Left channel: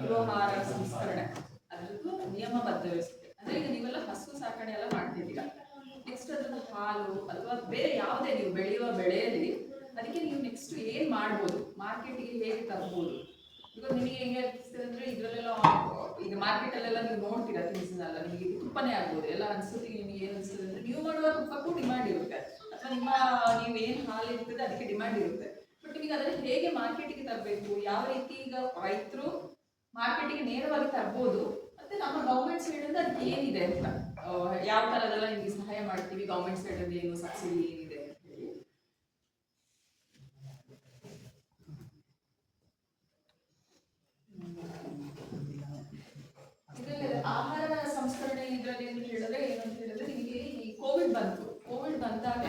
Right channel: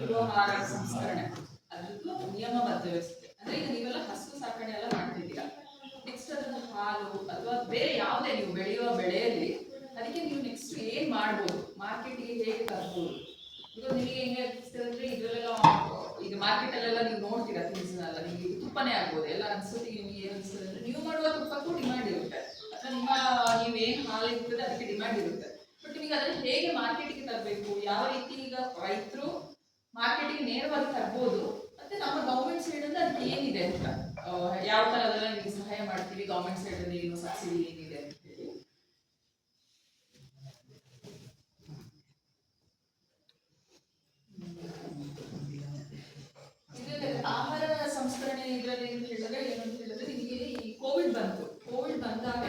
ಕಿರುಹಾರ ಸಂಸ್ಕರಣೆ ಅದ್ರದ್ದು ನಿಯಮಬದ್ಧ ವ್ಯವಸ್ಥೆ. ಅಂದ್ರೆ ಈಗ ನೀವೆಲ್ಲ ಹಸು ಸಾಕಣೆ ಎಲ್ಲ ಮಾಡ್ತಿದ್ದೀರಾ, ನೆಕ್ಸ್ಟ್ ಅದ್ರದ್ದು ಹಾಲು ಅಥವಾ ಬೇರೆ ಯಾವುದೇ ನೀವು ಬೆಳೆಯುವ ಬೆಳೆಯಲ್ಲಿ ಅದಕ್ಕೆ ನೀವು ನೆಕ್ಸ್ಟ್ ಏನ್ ಮಾಡ್ಬೋದು, ಮಾರ್ಕೆಟ್ಗೆ ಹೇಗೆ ತರ್ಬೋದು. ಬಿಕಾಸ್ ನಿಮಗೆ ಹೆಂಗೆ ಅನಿಸ್ತದೆ ಅಂದ್ರೆ ಇದರಲ್ಲೆಲ್ಲ ಈಗ ಮಾರ್ಕೆಟ್ ಅಲ್ಲೆಲ್ಲ ನೀವು ನೋಡ್ತೀರಾ ತಿನಿಸನ್ನೆಲ್ಲ, ನಿಮಗೆ ತುಪ್ಪನೇ ಆಗ್ಬೋದು ಎಲ್ಲ ಅನ್ಸೋತಿಗೆ. ನಿಮಗೆ ಏನು ಅನಿಸ್ತದೆ ಅಂದ್ರೆ ನೀವು ಮಾಡುವ ತುಪ್ಪಕ್ಕೂ ಡಿಮ್ಯಾಂಡ್ ಇರುತ್ತೆ, ಅಥವಾ ನಿಮ್ಮ ನೀವು ಏನು ಹಾಲು ಇರ್ತದೆ ಅದಕ್ಕೆ ಡಿಮ್ಯಾಂಡ್ ಇರುತ್ತೆ. ಬಟ್ ನಿಮಗೆ ಅದನ್ನು ಹೇಗೆ ಮಾರ್ಕೆಟಿಗೆ ತರಬೇಕು, ಯಾವ ರೀತಿ ಈಗ ರೈತರು ಮಾರ್ಕೆಟಿಗೆ ನೇರವಾಗಿ ತರ್ಬೋದು, ಮತ್ತೆ ನಮ್ಮ ಗೌರ್ಮೆಂಟ್ ಸೈಡ್ ಅಂತ ಅದಕ್ಕೆ ಏನಿದೆ ಅಂತ, ಯಾವ ಥರದೆಲ್ಲ ನಿಮಗೆ ಸಹಾಯ ಮಾಡ್ತೀವಿ ಗೌರ್ಮೆಂಟ್ ಸೈಡ್ ಅಲ್ಲಿ, ಏನು ಸಬ್ಸಿಡಿ ಏನಿದೆ ಅಂತ ಹೇಳಿ. ಇದರಲ್ಲಿ ಆಹಾರ ಸಂಸ್ಕರಣೆ ಇದರಲ್ಲಿ ಏನು ಹೇಳಿದ್ರೆ ಏನಂತ ಹೇಳಿದ್ರೆ, ನಿಮಗೆ ಈ ಕೋವಿಡ್ ಬಂದಾಗ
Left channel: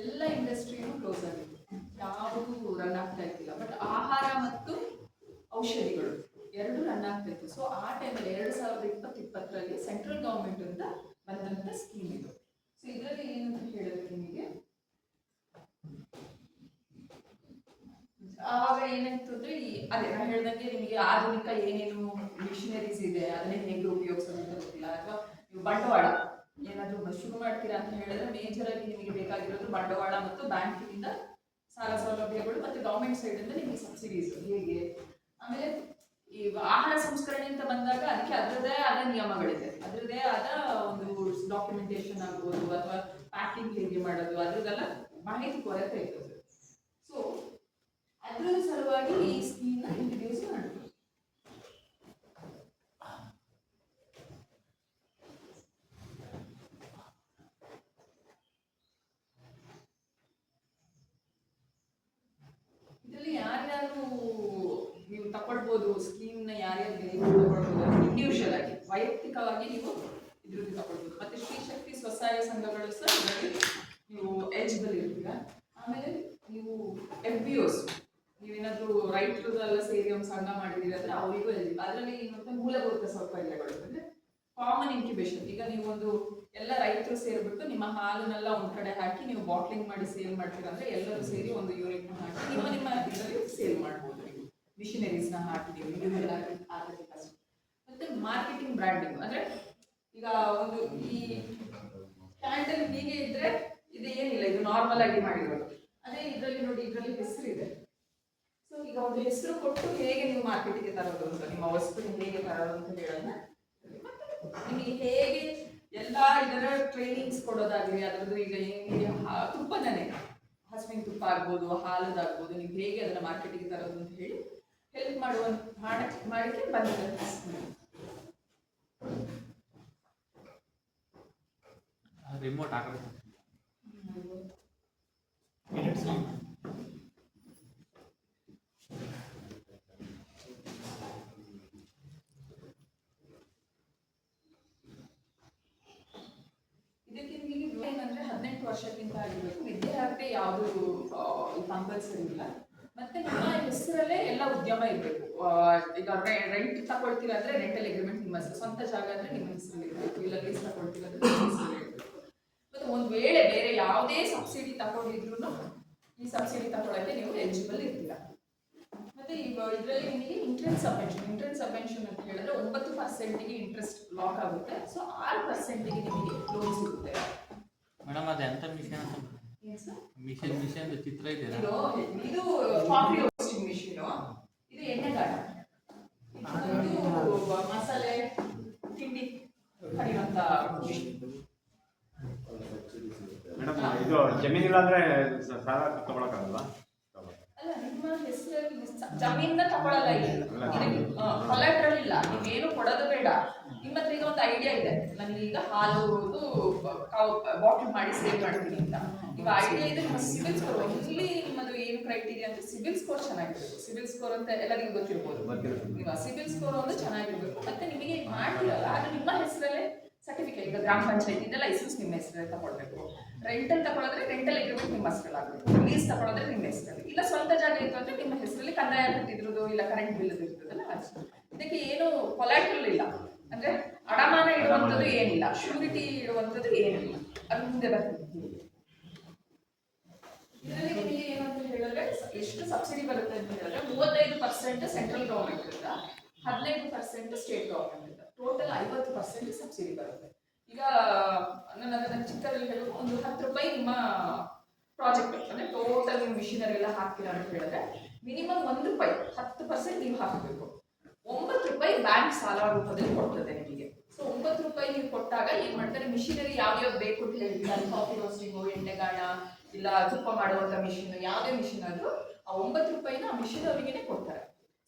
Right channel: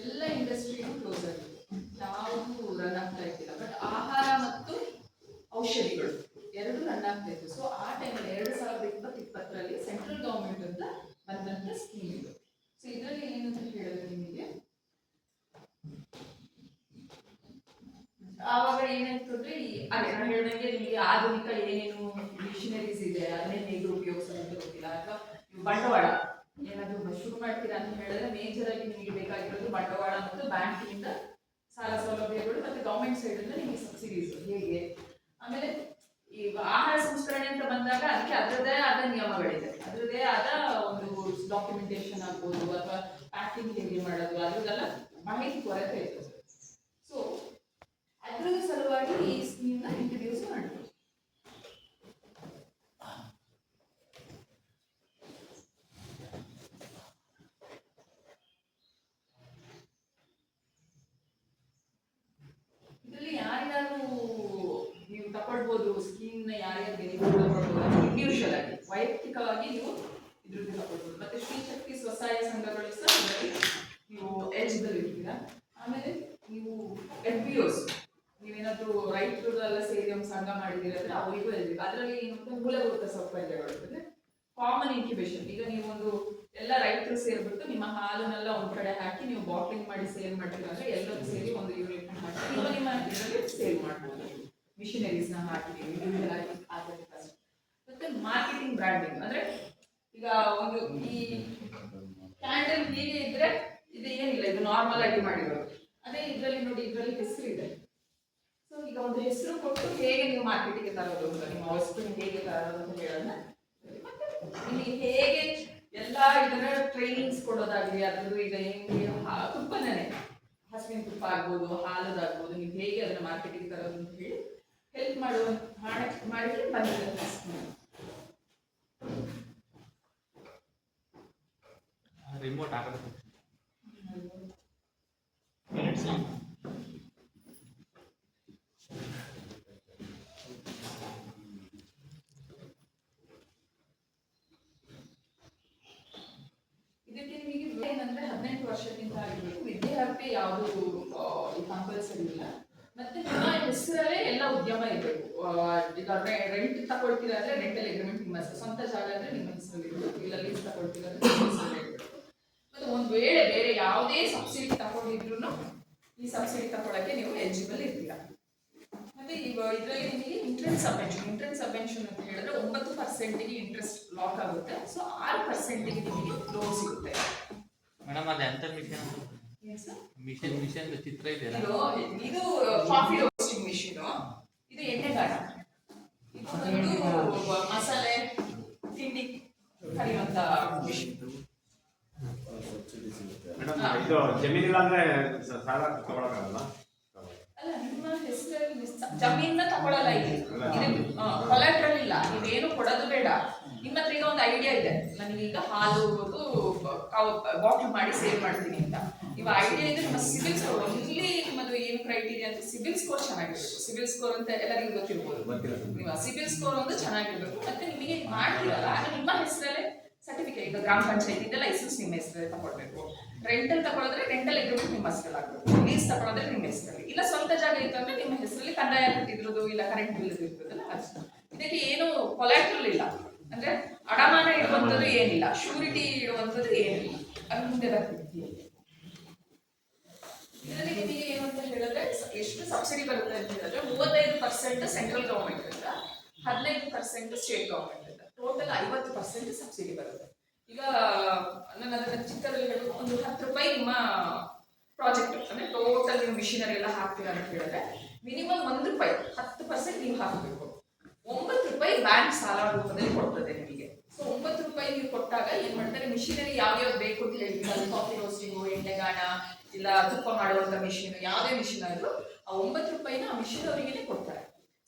ಎಲ್ಲ ಇಂಡಸ್ಟ್ರಿನೂ ಕ್ಲೋಸ್ ಆಗಿತ್ತು, ಯಾವುದು ರನ್ ಆಗ್ತಾ ಇದ್ದಿಲ್ಲ. ಬಟ್ ಆಹಾರ ಮತ್ತು ಔಷಧಿಗಳು ಎರಡು ರನ್ ಆಗ್ತಾ ಇತ್ತು. ಸೊ ಆ ಟೈಮಲ್ಲಿ 2020 ಸೆಂಟ್ರಲ್ ಗೌರ್ಮೆಂಟ್ ಅಂತ ಬಂದಂತ ಸ್ಕೀಮ್ ಇದು. ಸೊ ಇದರಲ್ಲಿ ಏನಂತ ಹೇಳಿದ್ರೆ ನಿಮಗೆ ಆವಾಗ ಏನಾಯ್ತು ಅಂದ್ರೆ, ಅದೇ ನಾನು ಹೇಳ್ದಂಗೆ ನಿಮಗೆ ಆಧುನಿಕ ಏನೇನು ಮಿಷನರೀಸ್ ಇದೆ ಅದನ್ನೇ ಹೇಗೆ ಉಪಯೋಗಿಸೋದು ಅಂತ ಗೊತ್ತಿಲ್ಲ, ಅಥವಾ ನೀವು ಬಂಡವಾಳ ಏನಾದರೂ ಶುರು ಮಾಡ್ತೀರಾ ಅಂತ ಹೇಳಿದ್ರೆ ಮೇಜರ್ ಆಗಿ ನಿಮಗೆ ಬೇಕಾಗಿರೋದು ಬಂಡವಾಳ ಮತ್ತು ಬ್ಯಾಂಕಿನಿಂದ ಸಾಲ ಸೌಲಭ್ಯಗಳು, ಮತ್ತೆ ಗೌರ್ಮೆಂಟ್ ಸೈಡ್ ಇಂದ ನಿಮಗೆ ಸಬ್ಸಿಡೀಸ್ ಹೇಗೆ. ಆಮೇಲೆ ಈ ಆಹಾರ ಸಂಸ್ಕರಣೆ ಅಂತ ಬಂದಾಗ ಅದಕ್ಕೆ ಅದರದೇ ಆದ ನಿಯಮಗಳಿದೆ, ಅದರದೇ ಆದ ಒಂದು ಡಾಕ್ಯುಮೆಂಟೇಶನ್ ಆಗ್ಬೋದು, ಅಥವಾ ಪ್ಯಾಕಿಂಗ್ ಹೇಗೆ ಮಾಡೋದು ಅದರದೆಲ್ಲ ಮಾಹಿತಿ ಕೊರತೆ ಇತ್ತು. ಸೊ ಅದರ ಸಲುವಾಗಿ ಈ ಸ್ಕೀಮ್ನ ಇಂಟ್ರಡ್ಯೂಸ್ ಮಾಡಿದ್ರು. ಇದರಲ್ಲಿ ಯಾರ್ಯಾರು ನೀವು ತಗೊಳ್ಬೋದು ಸ್ಕೀಮ್ನ, ಯಾರ್ಯಾರು ತಗೊಳ್ಬೋದು, ಇಂಡಿವಿಜುವಲ್ ಆಗಿ ವೈಯಕ್ತಿಕವಾಗಿ ನೀವು ಇದ್ರದ್ದು ತಗೊಳ್ಬೋದು. ಮತ್ತೆ ಶ್ರೀ ಶಕ್ತಿ ಸ್ವಸಹಾಯ ಸಂಘಗಳು ಸಹ ಇದರಲ್ಲಿ ನೀವು ಎಲಿಜಿಬಲ್ ಇರ್ತೀರಾ. ಆಮೇಲೆ ನೀವು FBOs, ನೀವೇನಾದ್ರೂ ರೈತರದೆಲ್ಲ ಸೇರಿ ಒಂದು ಸಂಘ ಮಾಡಿದ್ದೀರ ಅಂದ್ರೆ ಅವರಿಗೂ ಎಲಿಜಿಬಲ್. ಅದರಲ್ಲಿ ಏನಂತ ಮೂಲಭೂತ ಸೌಕರ್ಯಗಳು ಅಂದ್ರೆ ಕಾಮನ್ ಇನ್ಕ್ಯುಬೇಷನ್. ಈಗ ನೀವೊಂದು ಎಲ್ಲ ರೈತರು ಸೇರಿಬಿಟ್ಟು ನಿಮ್ಮ ಹಾಲನ್ನೆಲ್ಲ ಒಂದ್ ಕಡೆ ಹಾಕಿ ನೀವು ಬಾಟ್ಲಿಂಗ್ ಮಾಡಿ ಸೇಲ್ ಮಾಡ್ತೀರ ಅಂದ್ರೆ ಎಲ್ಲರೂ ಸೇರಿ ಒಂದು ಯೂನಿಟ್ ಹಾಕಿ ನಿಮ್ಮ ಇದರಲ್ಲಿ ಸೇಲ್ ಮಾಡ್ಬೋದು. ಮಿಷನರೀಸ್ ನ ಹಾಕಿ ಇಂಡಿವಿಜುವಲ್ ಆಗಿ ಆಗುತ್ತೆ. ಮತ್ತೆ ಮಾರ್ಕೆಟಿಂಗ್ ಬ್ರ್ಯಾಂಡಿಂಗ್ ಅಂದ್ರೆ ಈಗ ಒಂದು ಈ ಕ್ಯಾಂಡಲ್ ಹೀಗೆ ಇದ್ರೆ ಇದು ಏನಿಲ್ಲ, ಇದು ನಾರ್ಮಲ್ ಆಗಿ ಮಾಡಿರೋದು. ಅದೇ ಇದರಲ್ಲಿ ನೋಡಿ, ಇದರಲ್ಲಿ ಹೆಸರು ಇದೆ. ಸೊ ಈಗ ಒಂದು ಹೆಸರು ಕೊಟ್ಟು ಹೇಗೆ ನೀವು ಮಾರ್ಕೆಟಿಗೆ ತರೋದು ಅಂತ, ನಿಮ್ಮ ವಸ್ತುನ ಹೇಗೆ ತರೋದು ಅಂತ ಹೇಳೋಣ. ಮತ್ತೆ ನಿಮಗೆ ಹೇಗೆ ಎಲ್ಲ ಇದರ ಟ್ರೈನಿಂಗ್ಸ್ ಕೊಡೋದಾಗಲಿ, ಅದ್ರದ್ದು ಈಗ ಹೆಂಗೆ ತುಪ್ಪನೇ ಹಸುವಿನ ತುಪ್ಪ ಆಗ್ಬೋದು, ಹಾಲದಾಗ್ಬೋದು, ನೀವು ಹೇಗೆ ಅದನ್ನ ಮಾರ್ಕೆಟಿಗೆ ತರೋದು ಅಂತ ಹೇಳಿ ಹೆಲ್ಪ್ ಮಾಡಿಕ್ಕೆ ಬಂದಿದೆ. ರಿಮೋಟ್ ಆಗುತ್ತೆ. ಇದಕ್ಕೆ ನಿಮಗೆ ಏನಂದ್ರೆ 18 ವರ್ಷಕ್ಕಿಂತ ಆಗಿರ್ಬೇಕು, ವಿದ್ಯಾರ್ಥಿ ಯಾವುದು ಕಂಪಲ್ಸರಿ ಇಲ್ಲ. ಮತ್ತೆ ನಿಮ್ಮ ಹೆಸರಲ್ಲೇ ಎಲ್ಲ ಉದ್ಯಮ ಇರಬೇಕು. ಈಗ ರೆಂಟ್ ತಗೊಳ್ತೀರಾ ಅಂದ್ರೆ ರೆಂಟಲ್ ಅಗ್ರಿಮೆಂಟ್ ನಿಮ್ಮ ಹೆಸರು, ಸ್ವಂತ ಜಾಗ ಅಂದ್ರೆ ನಿಮ್ಮ ಹೆಸರಲ್ಲಿ ಇರಬೇಕು, ಇಲ್ಲ ಲೀಸ್ ತಗೊಳ್ತೀರಾ ಅಂದ್ರೆ ನಿಮ್ಮ ಹೆಸರಲ್ಲೇ ಇರಬೇಕು. ಮತ್ತೆ ಒಂದು ವೇಳೆ ಬೇರೆ ಯಾವುದೇ ಸಬ್ಸಿಡಿ ತಗೊಂಡಿದ್ರು ಈ ಸಬ್ಸಿಡಿ ತಗೊಳ್ಳೋಕ್ಕೆ ನೀವು ಎಲಿಜಿಬಲ್ ಇರ್ತೀರಾ. ಮತ್ತೆ ಇದರಲ್ಲಿ ನಿಮಗೆ ಇಂಟ್ರೆಸ್ಟ್ ಸಬ್ವೆನ್ಷನ್ ಅಂತ ಹೇಳಿದ್ರೆ 9% ಇಂಟ್ರೆಸ್ಟ್ ಲಾಕ್ ಆಗುತ್ತೆ. ಸೊ 6% ನಿಮಗೆ ಲೋನ್ ಸಿಗುತ್ತೆ. ಮೇಡಮ್ ಅದು ಎಂತ ಮಿಷನ್ ಚಿತ್ರ ಇದೆ. ಇದು ಕಾಫಿ ರೋಸ್ಟಿಂಗ್ ಮಿಷಿನ್, ಇದು ಎಣ್ಣೆಗಾಣ, ಇದು ಮಸಾಲೆ ತಿಂಡಿ ಕರಿಯುವಂತ ಮಿಷಿನ್. ಇದು ಜಮೀನಿಲ್ಲ ಅಂದ್ರೆ ಸಾಲ ತಗೊಳಕ್ಕಾಗಲ್ಲ. ಅಲ್ಲ, ನಿಮ್ಮ ಹೆಸರಲ್ಲಿ ಜಮೀನ ತಗೊಳ್ಳಲ್ಲ, ಇಲ್ಲಿ ಕೊಲಾಟ್ರಲ್ ಇಲ್ಲ, ನೀವೇನು ಕೊಡೋದು ಬೇಡ. ನಿಮ್ಮ ಹತ್ರ ಈಗ ಒಂದು ಐಡಿಯಾ ಇದೆ, ನನಗೆ ಈಗ ಹಾಲು ಬಾಟ್ಲ್ ಮಾಡಿ ಸೇಲ್ ಮಾಡ್ತೀನಿ ಅಂತ. ನೀವು ಐಡಿಯಾ ಇದೆ, ನಿಮ್ಮ ಸಿಬಿಲ್ ಸ್ಕೋರ್, ಇಲ್ಲಿ ನಿಮ್ಮದು ಏನು ಕ್ರೈಟೀರಿಯಾ ಅಂತ ಸಿಬಿಲ್ ಸ್ಕೋರ್ ಚೆನ್ನಾಗಿರ್ಬೇಕು. ಸಿಬಿಲ್ ಸ್ಕೋರ್ ಅಂತ ಎಲ್ಲರಿಗೂ ಗೊತ್ತಿರ್ಬೋದು. ನೀವು ಸಿಬಿಲ್ ಸ್ಕೋರ್ ಒಂದು ಚೆನ್ನಾಗಿರ್ಬೇಕು. ಮತ್ತೆ ನಿಮಗೆ ಮಾಡ್ತೀರಲ್ಲ ಆಗ ನಿಮ್ಮ ಹೆಸರಲ್ಲೇ ಸರ್ಟಿಫಿಕೇಟ್, ಈಗ ಗ್ರಾಮ ಪಂಚಾಯತಿಯಿಂದ ಲೈಸೆನ್ಸ್ ನಿಮ್ಮ ಹೆಸರಲ್ಲಿ ತಗೊಳ್ಬೇಕು. ರೆಂಟಲ್ ತಗೊಳ್ಳೋದ್ರೆ ರೆಂಟಲ್ ಅಗ್ರಿಮೆಂಟ್ ನಿಮ್ಮ ಹೆಸರಲ್ಲಿ ಆಗಬೇಕು. ಲೀಸ್ ತಗೊಳ್ಳೋದ್ರೆ ನಿಮ್ಮ ಹೆಸರಲ್ಲಿ, ಇಲ್ಲ ಸ್ವಂತ ಜಾಗ ಇತ್ತು ಅಂದ್ರೆ ನಿಮ್ಮ ಹೆಸರಲ್ಲಿ ಕಂದಾಯ ಕಟ್ಟಿದ್ರದ್ದು ಇಲ್ಲ ಕರೆಂಟ್ ಬಿಲ್ ಇರ್ತದಲ್ಲ ಅಷ್ಟು. ಇದಕ್ಕೆ ಏನು ಕೊಲಾಟ್ರಲ್ ಇಲ್ಲ, ಅಂದ್ರೆ ಅಡಮಾನ ಇಡುವಂಥದ್ದು ಏನಿಲ್ಲ, ಶ್ಯೂರಿಟಿ ಇಡುವಂಥದ್ದು ಏನಿಲ್ಲ. ಅದು ಮುಂದೆ ಬರ್ತಿದೆ. ಇದರಲ್ಲಿ ನಿಮಗೆ ಏನು ಅಂತ ಹೇಳಿದ್ರೆ ಎಷ್ಟು ಸಬ್ಸಿಡಿ ಬರುತ್ತೆ ಅಂತ ಹೇಳಿದ್ರೆ 35% ಸೆಂಟ್ರಲ್ ಗೌರ್ಮೆಂಟ್ ಇಂದ, 15% ಸ್ಟೇಟ್ ಗವರ್ಮೆಂಟ್ ಇಂದ, ಟೋಟಲ್ 50% ಸಬ್ಸಿಡಿ ಬರುತ್ತೆ. ಈಗ ನಾನು ಅದನ್ನ ಚಿಕ್ಕದಲ್ಲಿ ಹೇಳೋದು, ಒಂದು 10 ರೂಪಾಯಿ ನಿಮ್ಮ ಪ್ರಾಜೆಕ್ಟ್ ಅಂದ್ರೆ ಟೋಟಲ್ ನೀವು ಮಿಷಿನರಿ ಎಲ್ಲ ಹಾಕ್ತೀರಾ ಅಂತ ಹೇಳಿದ್ರೆ ಮಿನಿಮಮ್ 1 ರೂಪಾಯಿ 10% ನೀವು ಹಾಕಬೇಕು. 9 ರೂಪಾಯಿ ಬ್ಯಾಂಕ್ ಸಾಲ ರೂಪದಲ್ಲಿ ಕೊಡ್ತದೆ ನಿಮಗೆ. ಸೊ 9 ರೂಪಾಯಿ ನೀವು ಕೊಟ್ಟಾಗ ಏನ್ ಮಾಡ್ತಾರೆ, ಮಿಷಿನರಿ ಯಾವ್ಯಾವ್ದು ಬೇಕು ಅಂತ ಹೇಳಿದ್ರೆ ಕಾಫಿ ರೋಸ್ಟಿಂಗು, ಎಣ್ಣೆಗಾಣ, ಇಲ್ಲ ತುಪ್ಪ ಮಾಡುವಂತ ಮಿಷಿನ್, ಯಾವುದೇ ಮಿಷಿನ್ ಆದ್ರೂ ಆ 9 ರೂಪಾಯಿನ ಆ ಮಿಷಿನ್ ಅವರಿಗೆ ಕೊಡ್ತಾರೆ.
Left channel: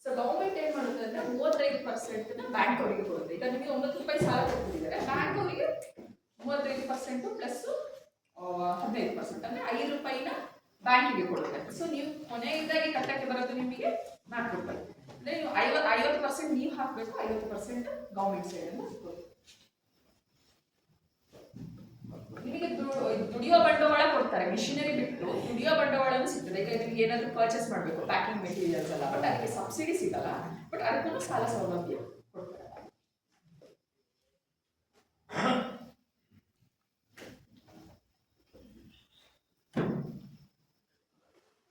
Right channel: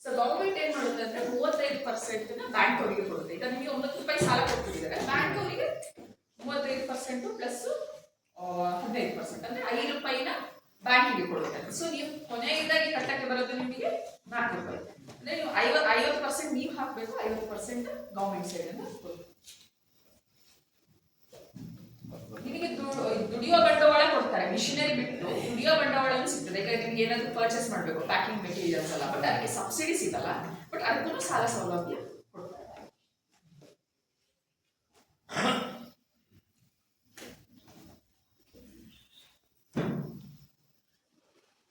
ಸೊ ಗೌರ್ಮೆಂಟ್ ಏನ್ ಮಾಡುತ್ತೆ ಅಂದ್ರೆ 35% ಬ್ಯಾಂಕ್ ಅವರಿಗೆ ಕೊಡುತ್ತೆ. ಈಗ ನಿಮಗೆ 9 ರೂಪಾಯಿ ಸಾಲ ಕೊಡ್ತಿದ್ದಾರೆ, ಬ್ಯಾಂಕ್ ಅವರಿಗೆ 35% ಪ್ಲಸ್ 15% ಅಂದ್ರೆ 5 ರೂಪಾಯಿನ ಬ್ಯಾಂಕಿಗೆ ಕೊಡುತ್ತೆ. ಸೊ ನೀವು ಕೊನೆಯದಾಗಿ ಕಟ್ಟಕ್ಕೆ ಬರೋದು ನಿಮಗೆ 4 ರೂಪಾಯಿ. ಅಂದ್ರೆ ನೀವು 50% ನೀವು ಹಾಕಬೇಕು, 50% ಗೌರ್ಮೆಂಟ್ ಸೈಡ್ ಅಂತ ನಿಮಗೆ ದುಡಿಯೋ ಬಂಡವಾಳ ಕೊಡ್ತಾರೆ. ಮಿಷಿನರಿ ಬಿಟ್ಟು ದುಡಿಯೋ ಬಂಡವಾಳನೂ ಸಿಗ್ತದೆ. ಈಗ ನಿಮ್ಗೆ ಏನಾದ್ರು ಪರ್ಚೇಸ್ ಮಾಡಬೇಕು, ಪ್ಯಾಕಿಂಗ್ ಮೆಟೀರಿಯಲ್ಸ್ ಎಲ್ಲ, ಬಟ್ ಅದಕ್ಕೆ ಸಬ್ಸಿಡಿ ಸಿಗಲ್ಲ, ಬಟ್ ಅದಕ್ಕೂ ಸಾಲ ಸೌಲಭ್ಯ ಕೊಡ್ತಾರೆ.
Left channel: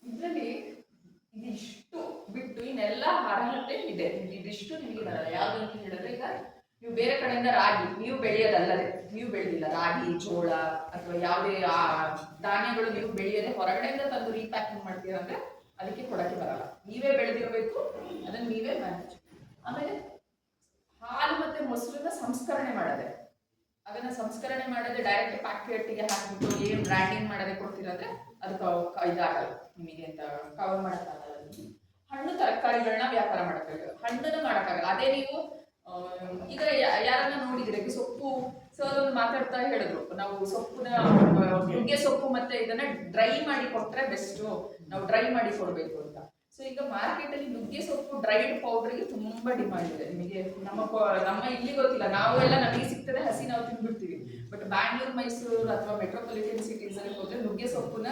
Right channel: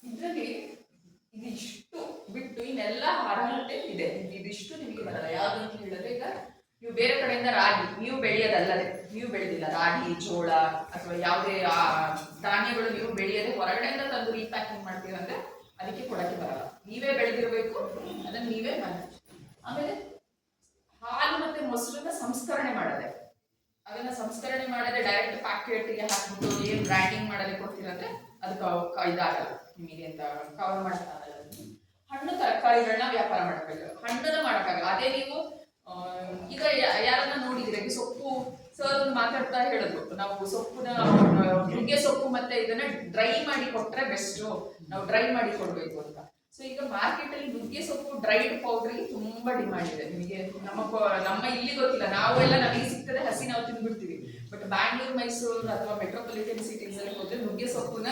ಇದರಲ್ಲಿ ಇದಿಷ್ಟು ಬಿಟ್ಟು ಇನ್ನೆಲ್ಲ ಅರ್ಹತೆ ಇದೆ. ಇದಿಷ್ಟು ನಿಮಗೆ ಬರಲ್ಲ. ಯಾವ್ದು ಅಂತ ಹೇಳಿದ್ರೆ, ಈಗ ನೀವು ಬೇರೆ ಕಡೆಯಿಂದ ರಾಗಿ ನೀವು ಬೆಳೆಯೋದಲ್ಲದೆ, ನೀವು ಬೆಳೆದಿಲ್ಲ ರಾಗಿ, ಜೋಳ ಅಥವಾ ಯಾವುದೇ ಧಾನ್ಯಗಳು ನೀವು ಬೆಳೆಯದೆ ಹೊರಗಡೆಯಿಂದ ತಂದು ರೀಪ್ಯಾಕಿಂಗ್ ಮಾಡ್ತೀರ ಅಂದ್ರೆ ಅದಕ್ಕೆ ಕೊಡಕ್ಕೆ ಬರಲ್ಲ. ನೀವೇ ಬೆಳೆದಿರಬೇಕು, ಅದನ್ನ ನೀವೇ ಮ್ಯಾನೇಜ್. ಆಮೇಲೆ ಹಾಲು ಮತ್ತೆ ಮೊಸರನ್ನ ಸಂಸ್ಕರಣೆ ಮಾಡದೆ, ಅದನ್ನ ಸಂಸ್ಕರಣೆ ಮಾಡದೆ ಡೈರೆಕ್ಟ್ ಪ್ಯಾಕೆಟ್ಗೆ ಹಾಕ್ಬಿಟ್ಟು ಏನ್ ಬ್ರ್ಯಾಂಡಿಂಗ್ ಮಾಡದೆ ಕೊಡ್ತೀರಂದ್ರೆ ಅದಕ್ಕೆ ಇದಾಗಲ್ಲ, ನಿಮಗೆ ಅಂತ ಕವರ್ ಮಾಡಕ್ಕಾಗಲ್ಲ. ಹಣ್ಣು ತರಕಾರಿಗಳನ್ನ ವ್ಯಾಪಾರ ಮಾಡಬೇಕು, ಹಣ್ಣನ್ನ ಮಾಡಕ್ಕಾಗಲ್ಲ. ಅದೇ ನೀವು ಈಗ ಯಾರನ್ನ ನೋಡಿದ್ರೆ ಸೊಪ್ಪು ಸರ್ ಒಂದು ಮಾತಾಡ್ತಾ ಹೇಳಿದ್ರು, ನಾವು ಸೊಪ್ಪುನ ನುಗ್ಗೆ ಸೊಪ್ಪು ಮತ್ತೆ ಇದನ್ನ ಡ್ರೈ ಮಾಡಿ ಕೊಟ್ರೆ ಬೆಸ್ಟ್, ನಾವು ಡ್ರೈ ಮಾಡಿ ಕೊಡ್ಬೇಕು ಅಂತ. ಸೊ ಈಗ ಮಾರ್ಕೆಟ್ ಅಲ್ಲಿ ನುಗ್ಗೆ ಸೊಪ್ಪು ಡ್ರೈಡ್ ಪೌಡರ್ಗೆ ತುಂಬಾ ಡಿಮಾಂಡ್ ಇದೆ. ನಿಮಗೆ ನಮ್ಮ ಇಲ್ಲಿ ಗೊತ್ತಿಲ್ಲ, ನಾವು ಎಲ್ಲ ನಮಗೆ ಸಿಗ್ತದೆ ಹಸಿ ನಾವು ತಿಂದ್ಬಿಡ್ತೀವಿ. ಬಟ್ ಬ್ಯಾಂಗ್ಳೂರ್, ಮೈಸೂರು ಅಥವಾ ಮೆಟ್ರೋಪಾಲಿಟನ್ ಸಿಟೀಸ್ ಅಲ್ಲಿ ಹೋದ್ರೆ ನುಗ್ಗೆ ಸೊಪ್ಪುನ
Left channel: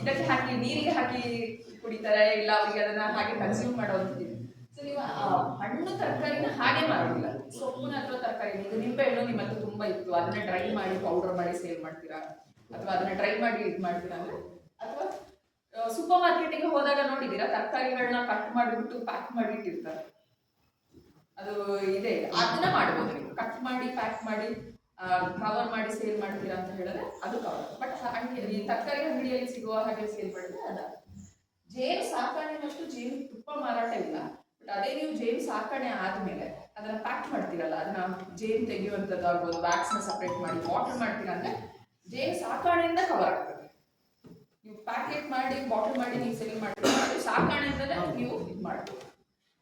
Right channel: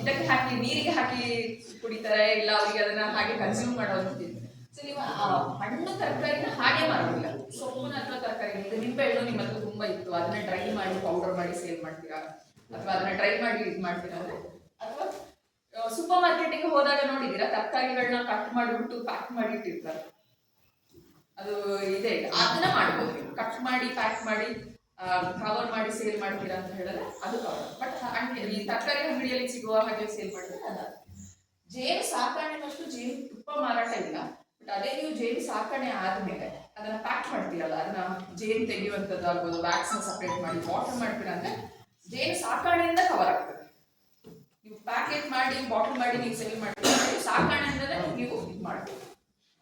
ಇದಕ್ಕೆ ಹಾಕಿ ನೀರಿಗೆ ಹಾಕಿ ಕುಡಿತಾರೆ, ಇಲ್ಲ ಅವರಿಗೆ ಅದನ್ನ ಹಾಗೆ ಕನ್ಸ್ಯೂಮ್ ಮಾಡೋದು. ಸೊ ನೀವು ಹಣ್ಣು ತರಕಾರಿನ ಹಾಗೆ ಮಾಡೋದಿಲ್ಲ, ಸೊಪ್ಪುನ ಅಥವಾ ತರಕಾರಿ. ಈಗ ನಿಂಬೆ ಹಣ್ಣು ನಿಮ್ಮ ಹತ್ರ ತುಂಬಾ ಇತ್ತು, ಅದನ್ನ ಡ್ರೈ ಮಾಡಿ ಪೌಡರ್ ಮಾಡಿ ಸೇಲ್ ಮಾಡ್ತೀರಾ, ಅಥವಾ ಅದನ್ನ ಡ್ರೈ ಮಾಡಿ ಇದು ಮಾಡ್ತೀರಾ ಅಂದ್ರೆ, ಅಥವಾ ಸೂಪರ್ ಮಾರ್ಕೆಟಿಗೆ ಹೋದಾಗ ನೋಡಿದೀರಾ ತರಕಾರಿಗಳನ್ನ ಕಟ್ ಮಾಡಿಬಿಟ್ಟು ಪ್ಯಾಕ್ ಮಾಡಿ ಇಟ್ಟಿರ್ತಾರೆ, ಅದು ಇದೆ. ಅದನ್ನ ಮಾಡ್ಬೋದು ನೀವು, ಕಟ್ ಮಾಡಿ ಪ್ಯಾಕ್ ಮಾಡಿ ಕವರ್ ಮಾಡಿ ಸೇಲ್ ಮಾಡ್ತೀರಾ ಅಂತ ಹೇಳಿದ್ರೆ ಅದು ಕವರ್. ಬಟ್ ಈ ತರಕಾರಿ ಅಂಗಡಿಯಲ್ಲಿ ಸಿಗುವ ಹಾಗೆ ಸೇಲ್ ಮಾಡಿದ್ರೆ ಅದ. ಜೇನು ಸಾಕಾಣೆನಷ್ಟು ಜೇನು ತುಪ್ಪ ಮಾರಾಟ ಇಲ್ಲ, ಬಟ್ ಅದೇ ನೀವು ಜೇನು ಸಾಕಣೆ ಆದ್ಮೇಲೆ ಅದನ್ನ ಪ್ಯಾಕ್ ಮಾಡ್ತೀರಲ್ಲ, ಅದನ್ನ ಜೇನು ತೆಗೆಯುವಂಥದ್ದು ಆಗ್ಬೋದು, ವ್ಯಾಕ್ಸ್ ನ ಸಪರೇಟ್ ಮಾಡಿ ಬಾಟಲ್ ಮಾಡ್ತೀರಾ ಅಂದ್ರೆ ಜೇನು ಸಾಕಾಣೆಯಿಂದ ಕವರ್ ಆಗ್ತದೆ. ನೀವು ಪ್ಯಾಕೆಟ್ ಮಾಡಿ ಬಾಟಲ್ ಮಾಡಿ ನೀವು ಸೇಲ್ ಮಾಡ್ತೀರಾ, ಸಾಕಾಣೆಯಿಂದಲೇ ನೀವು ಇದು ಮಾಡ್ಬೋದು.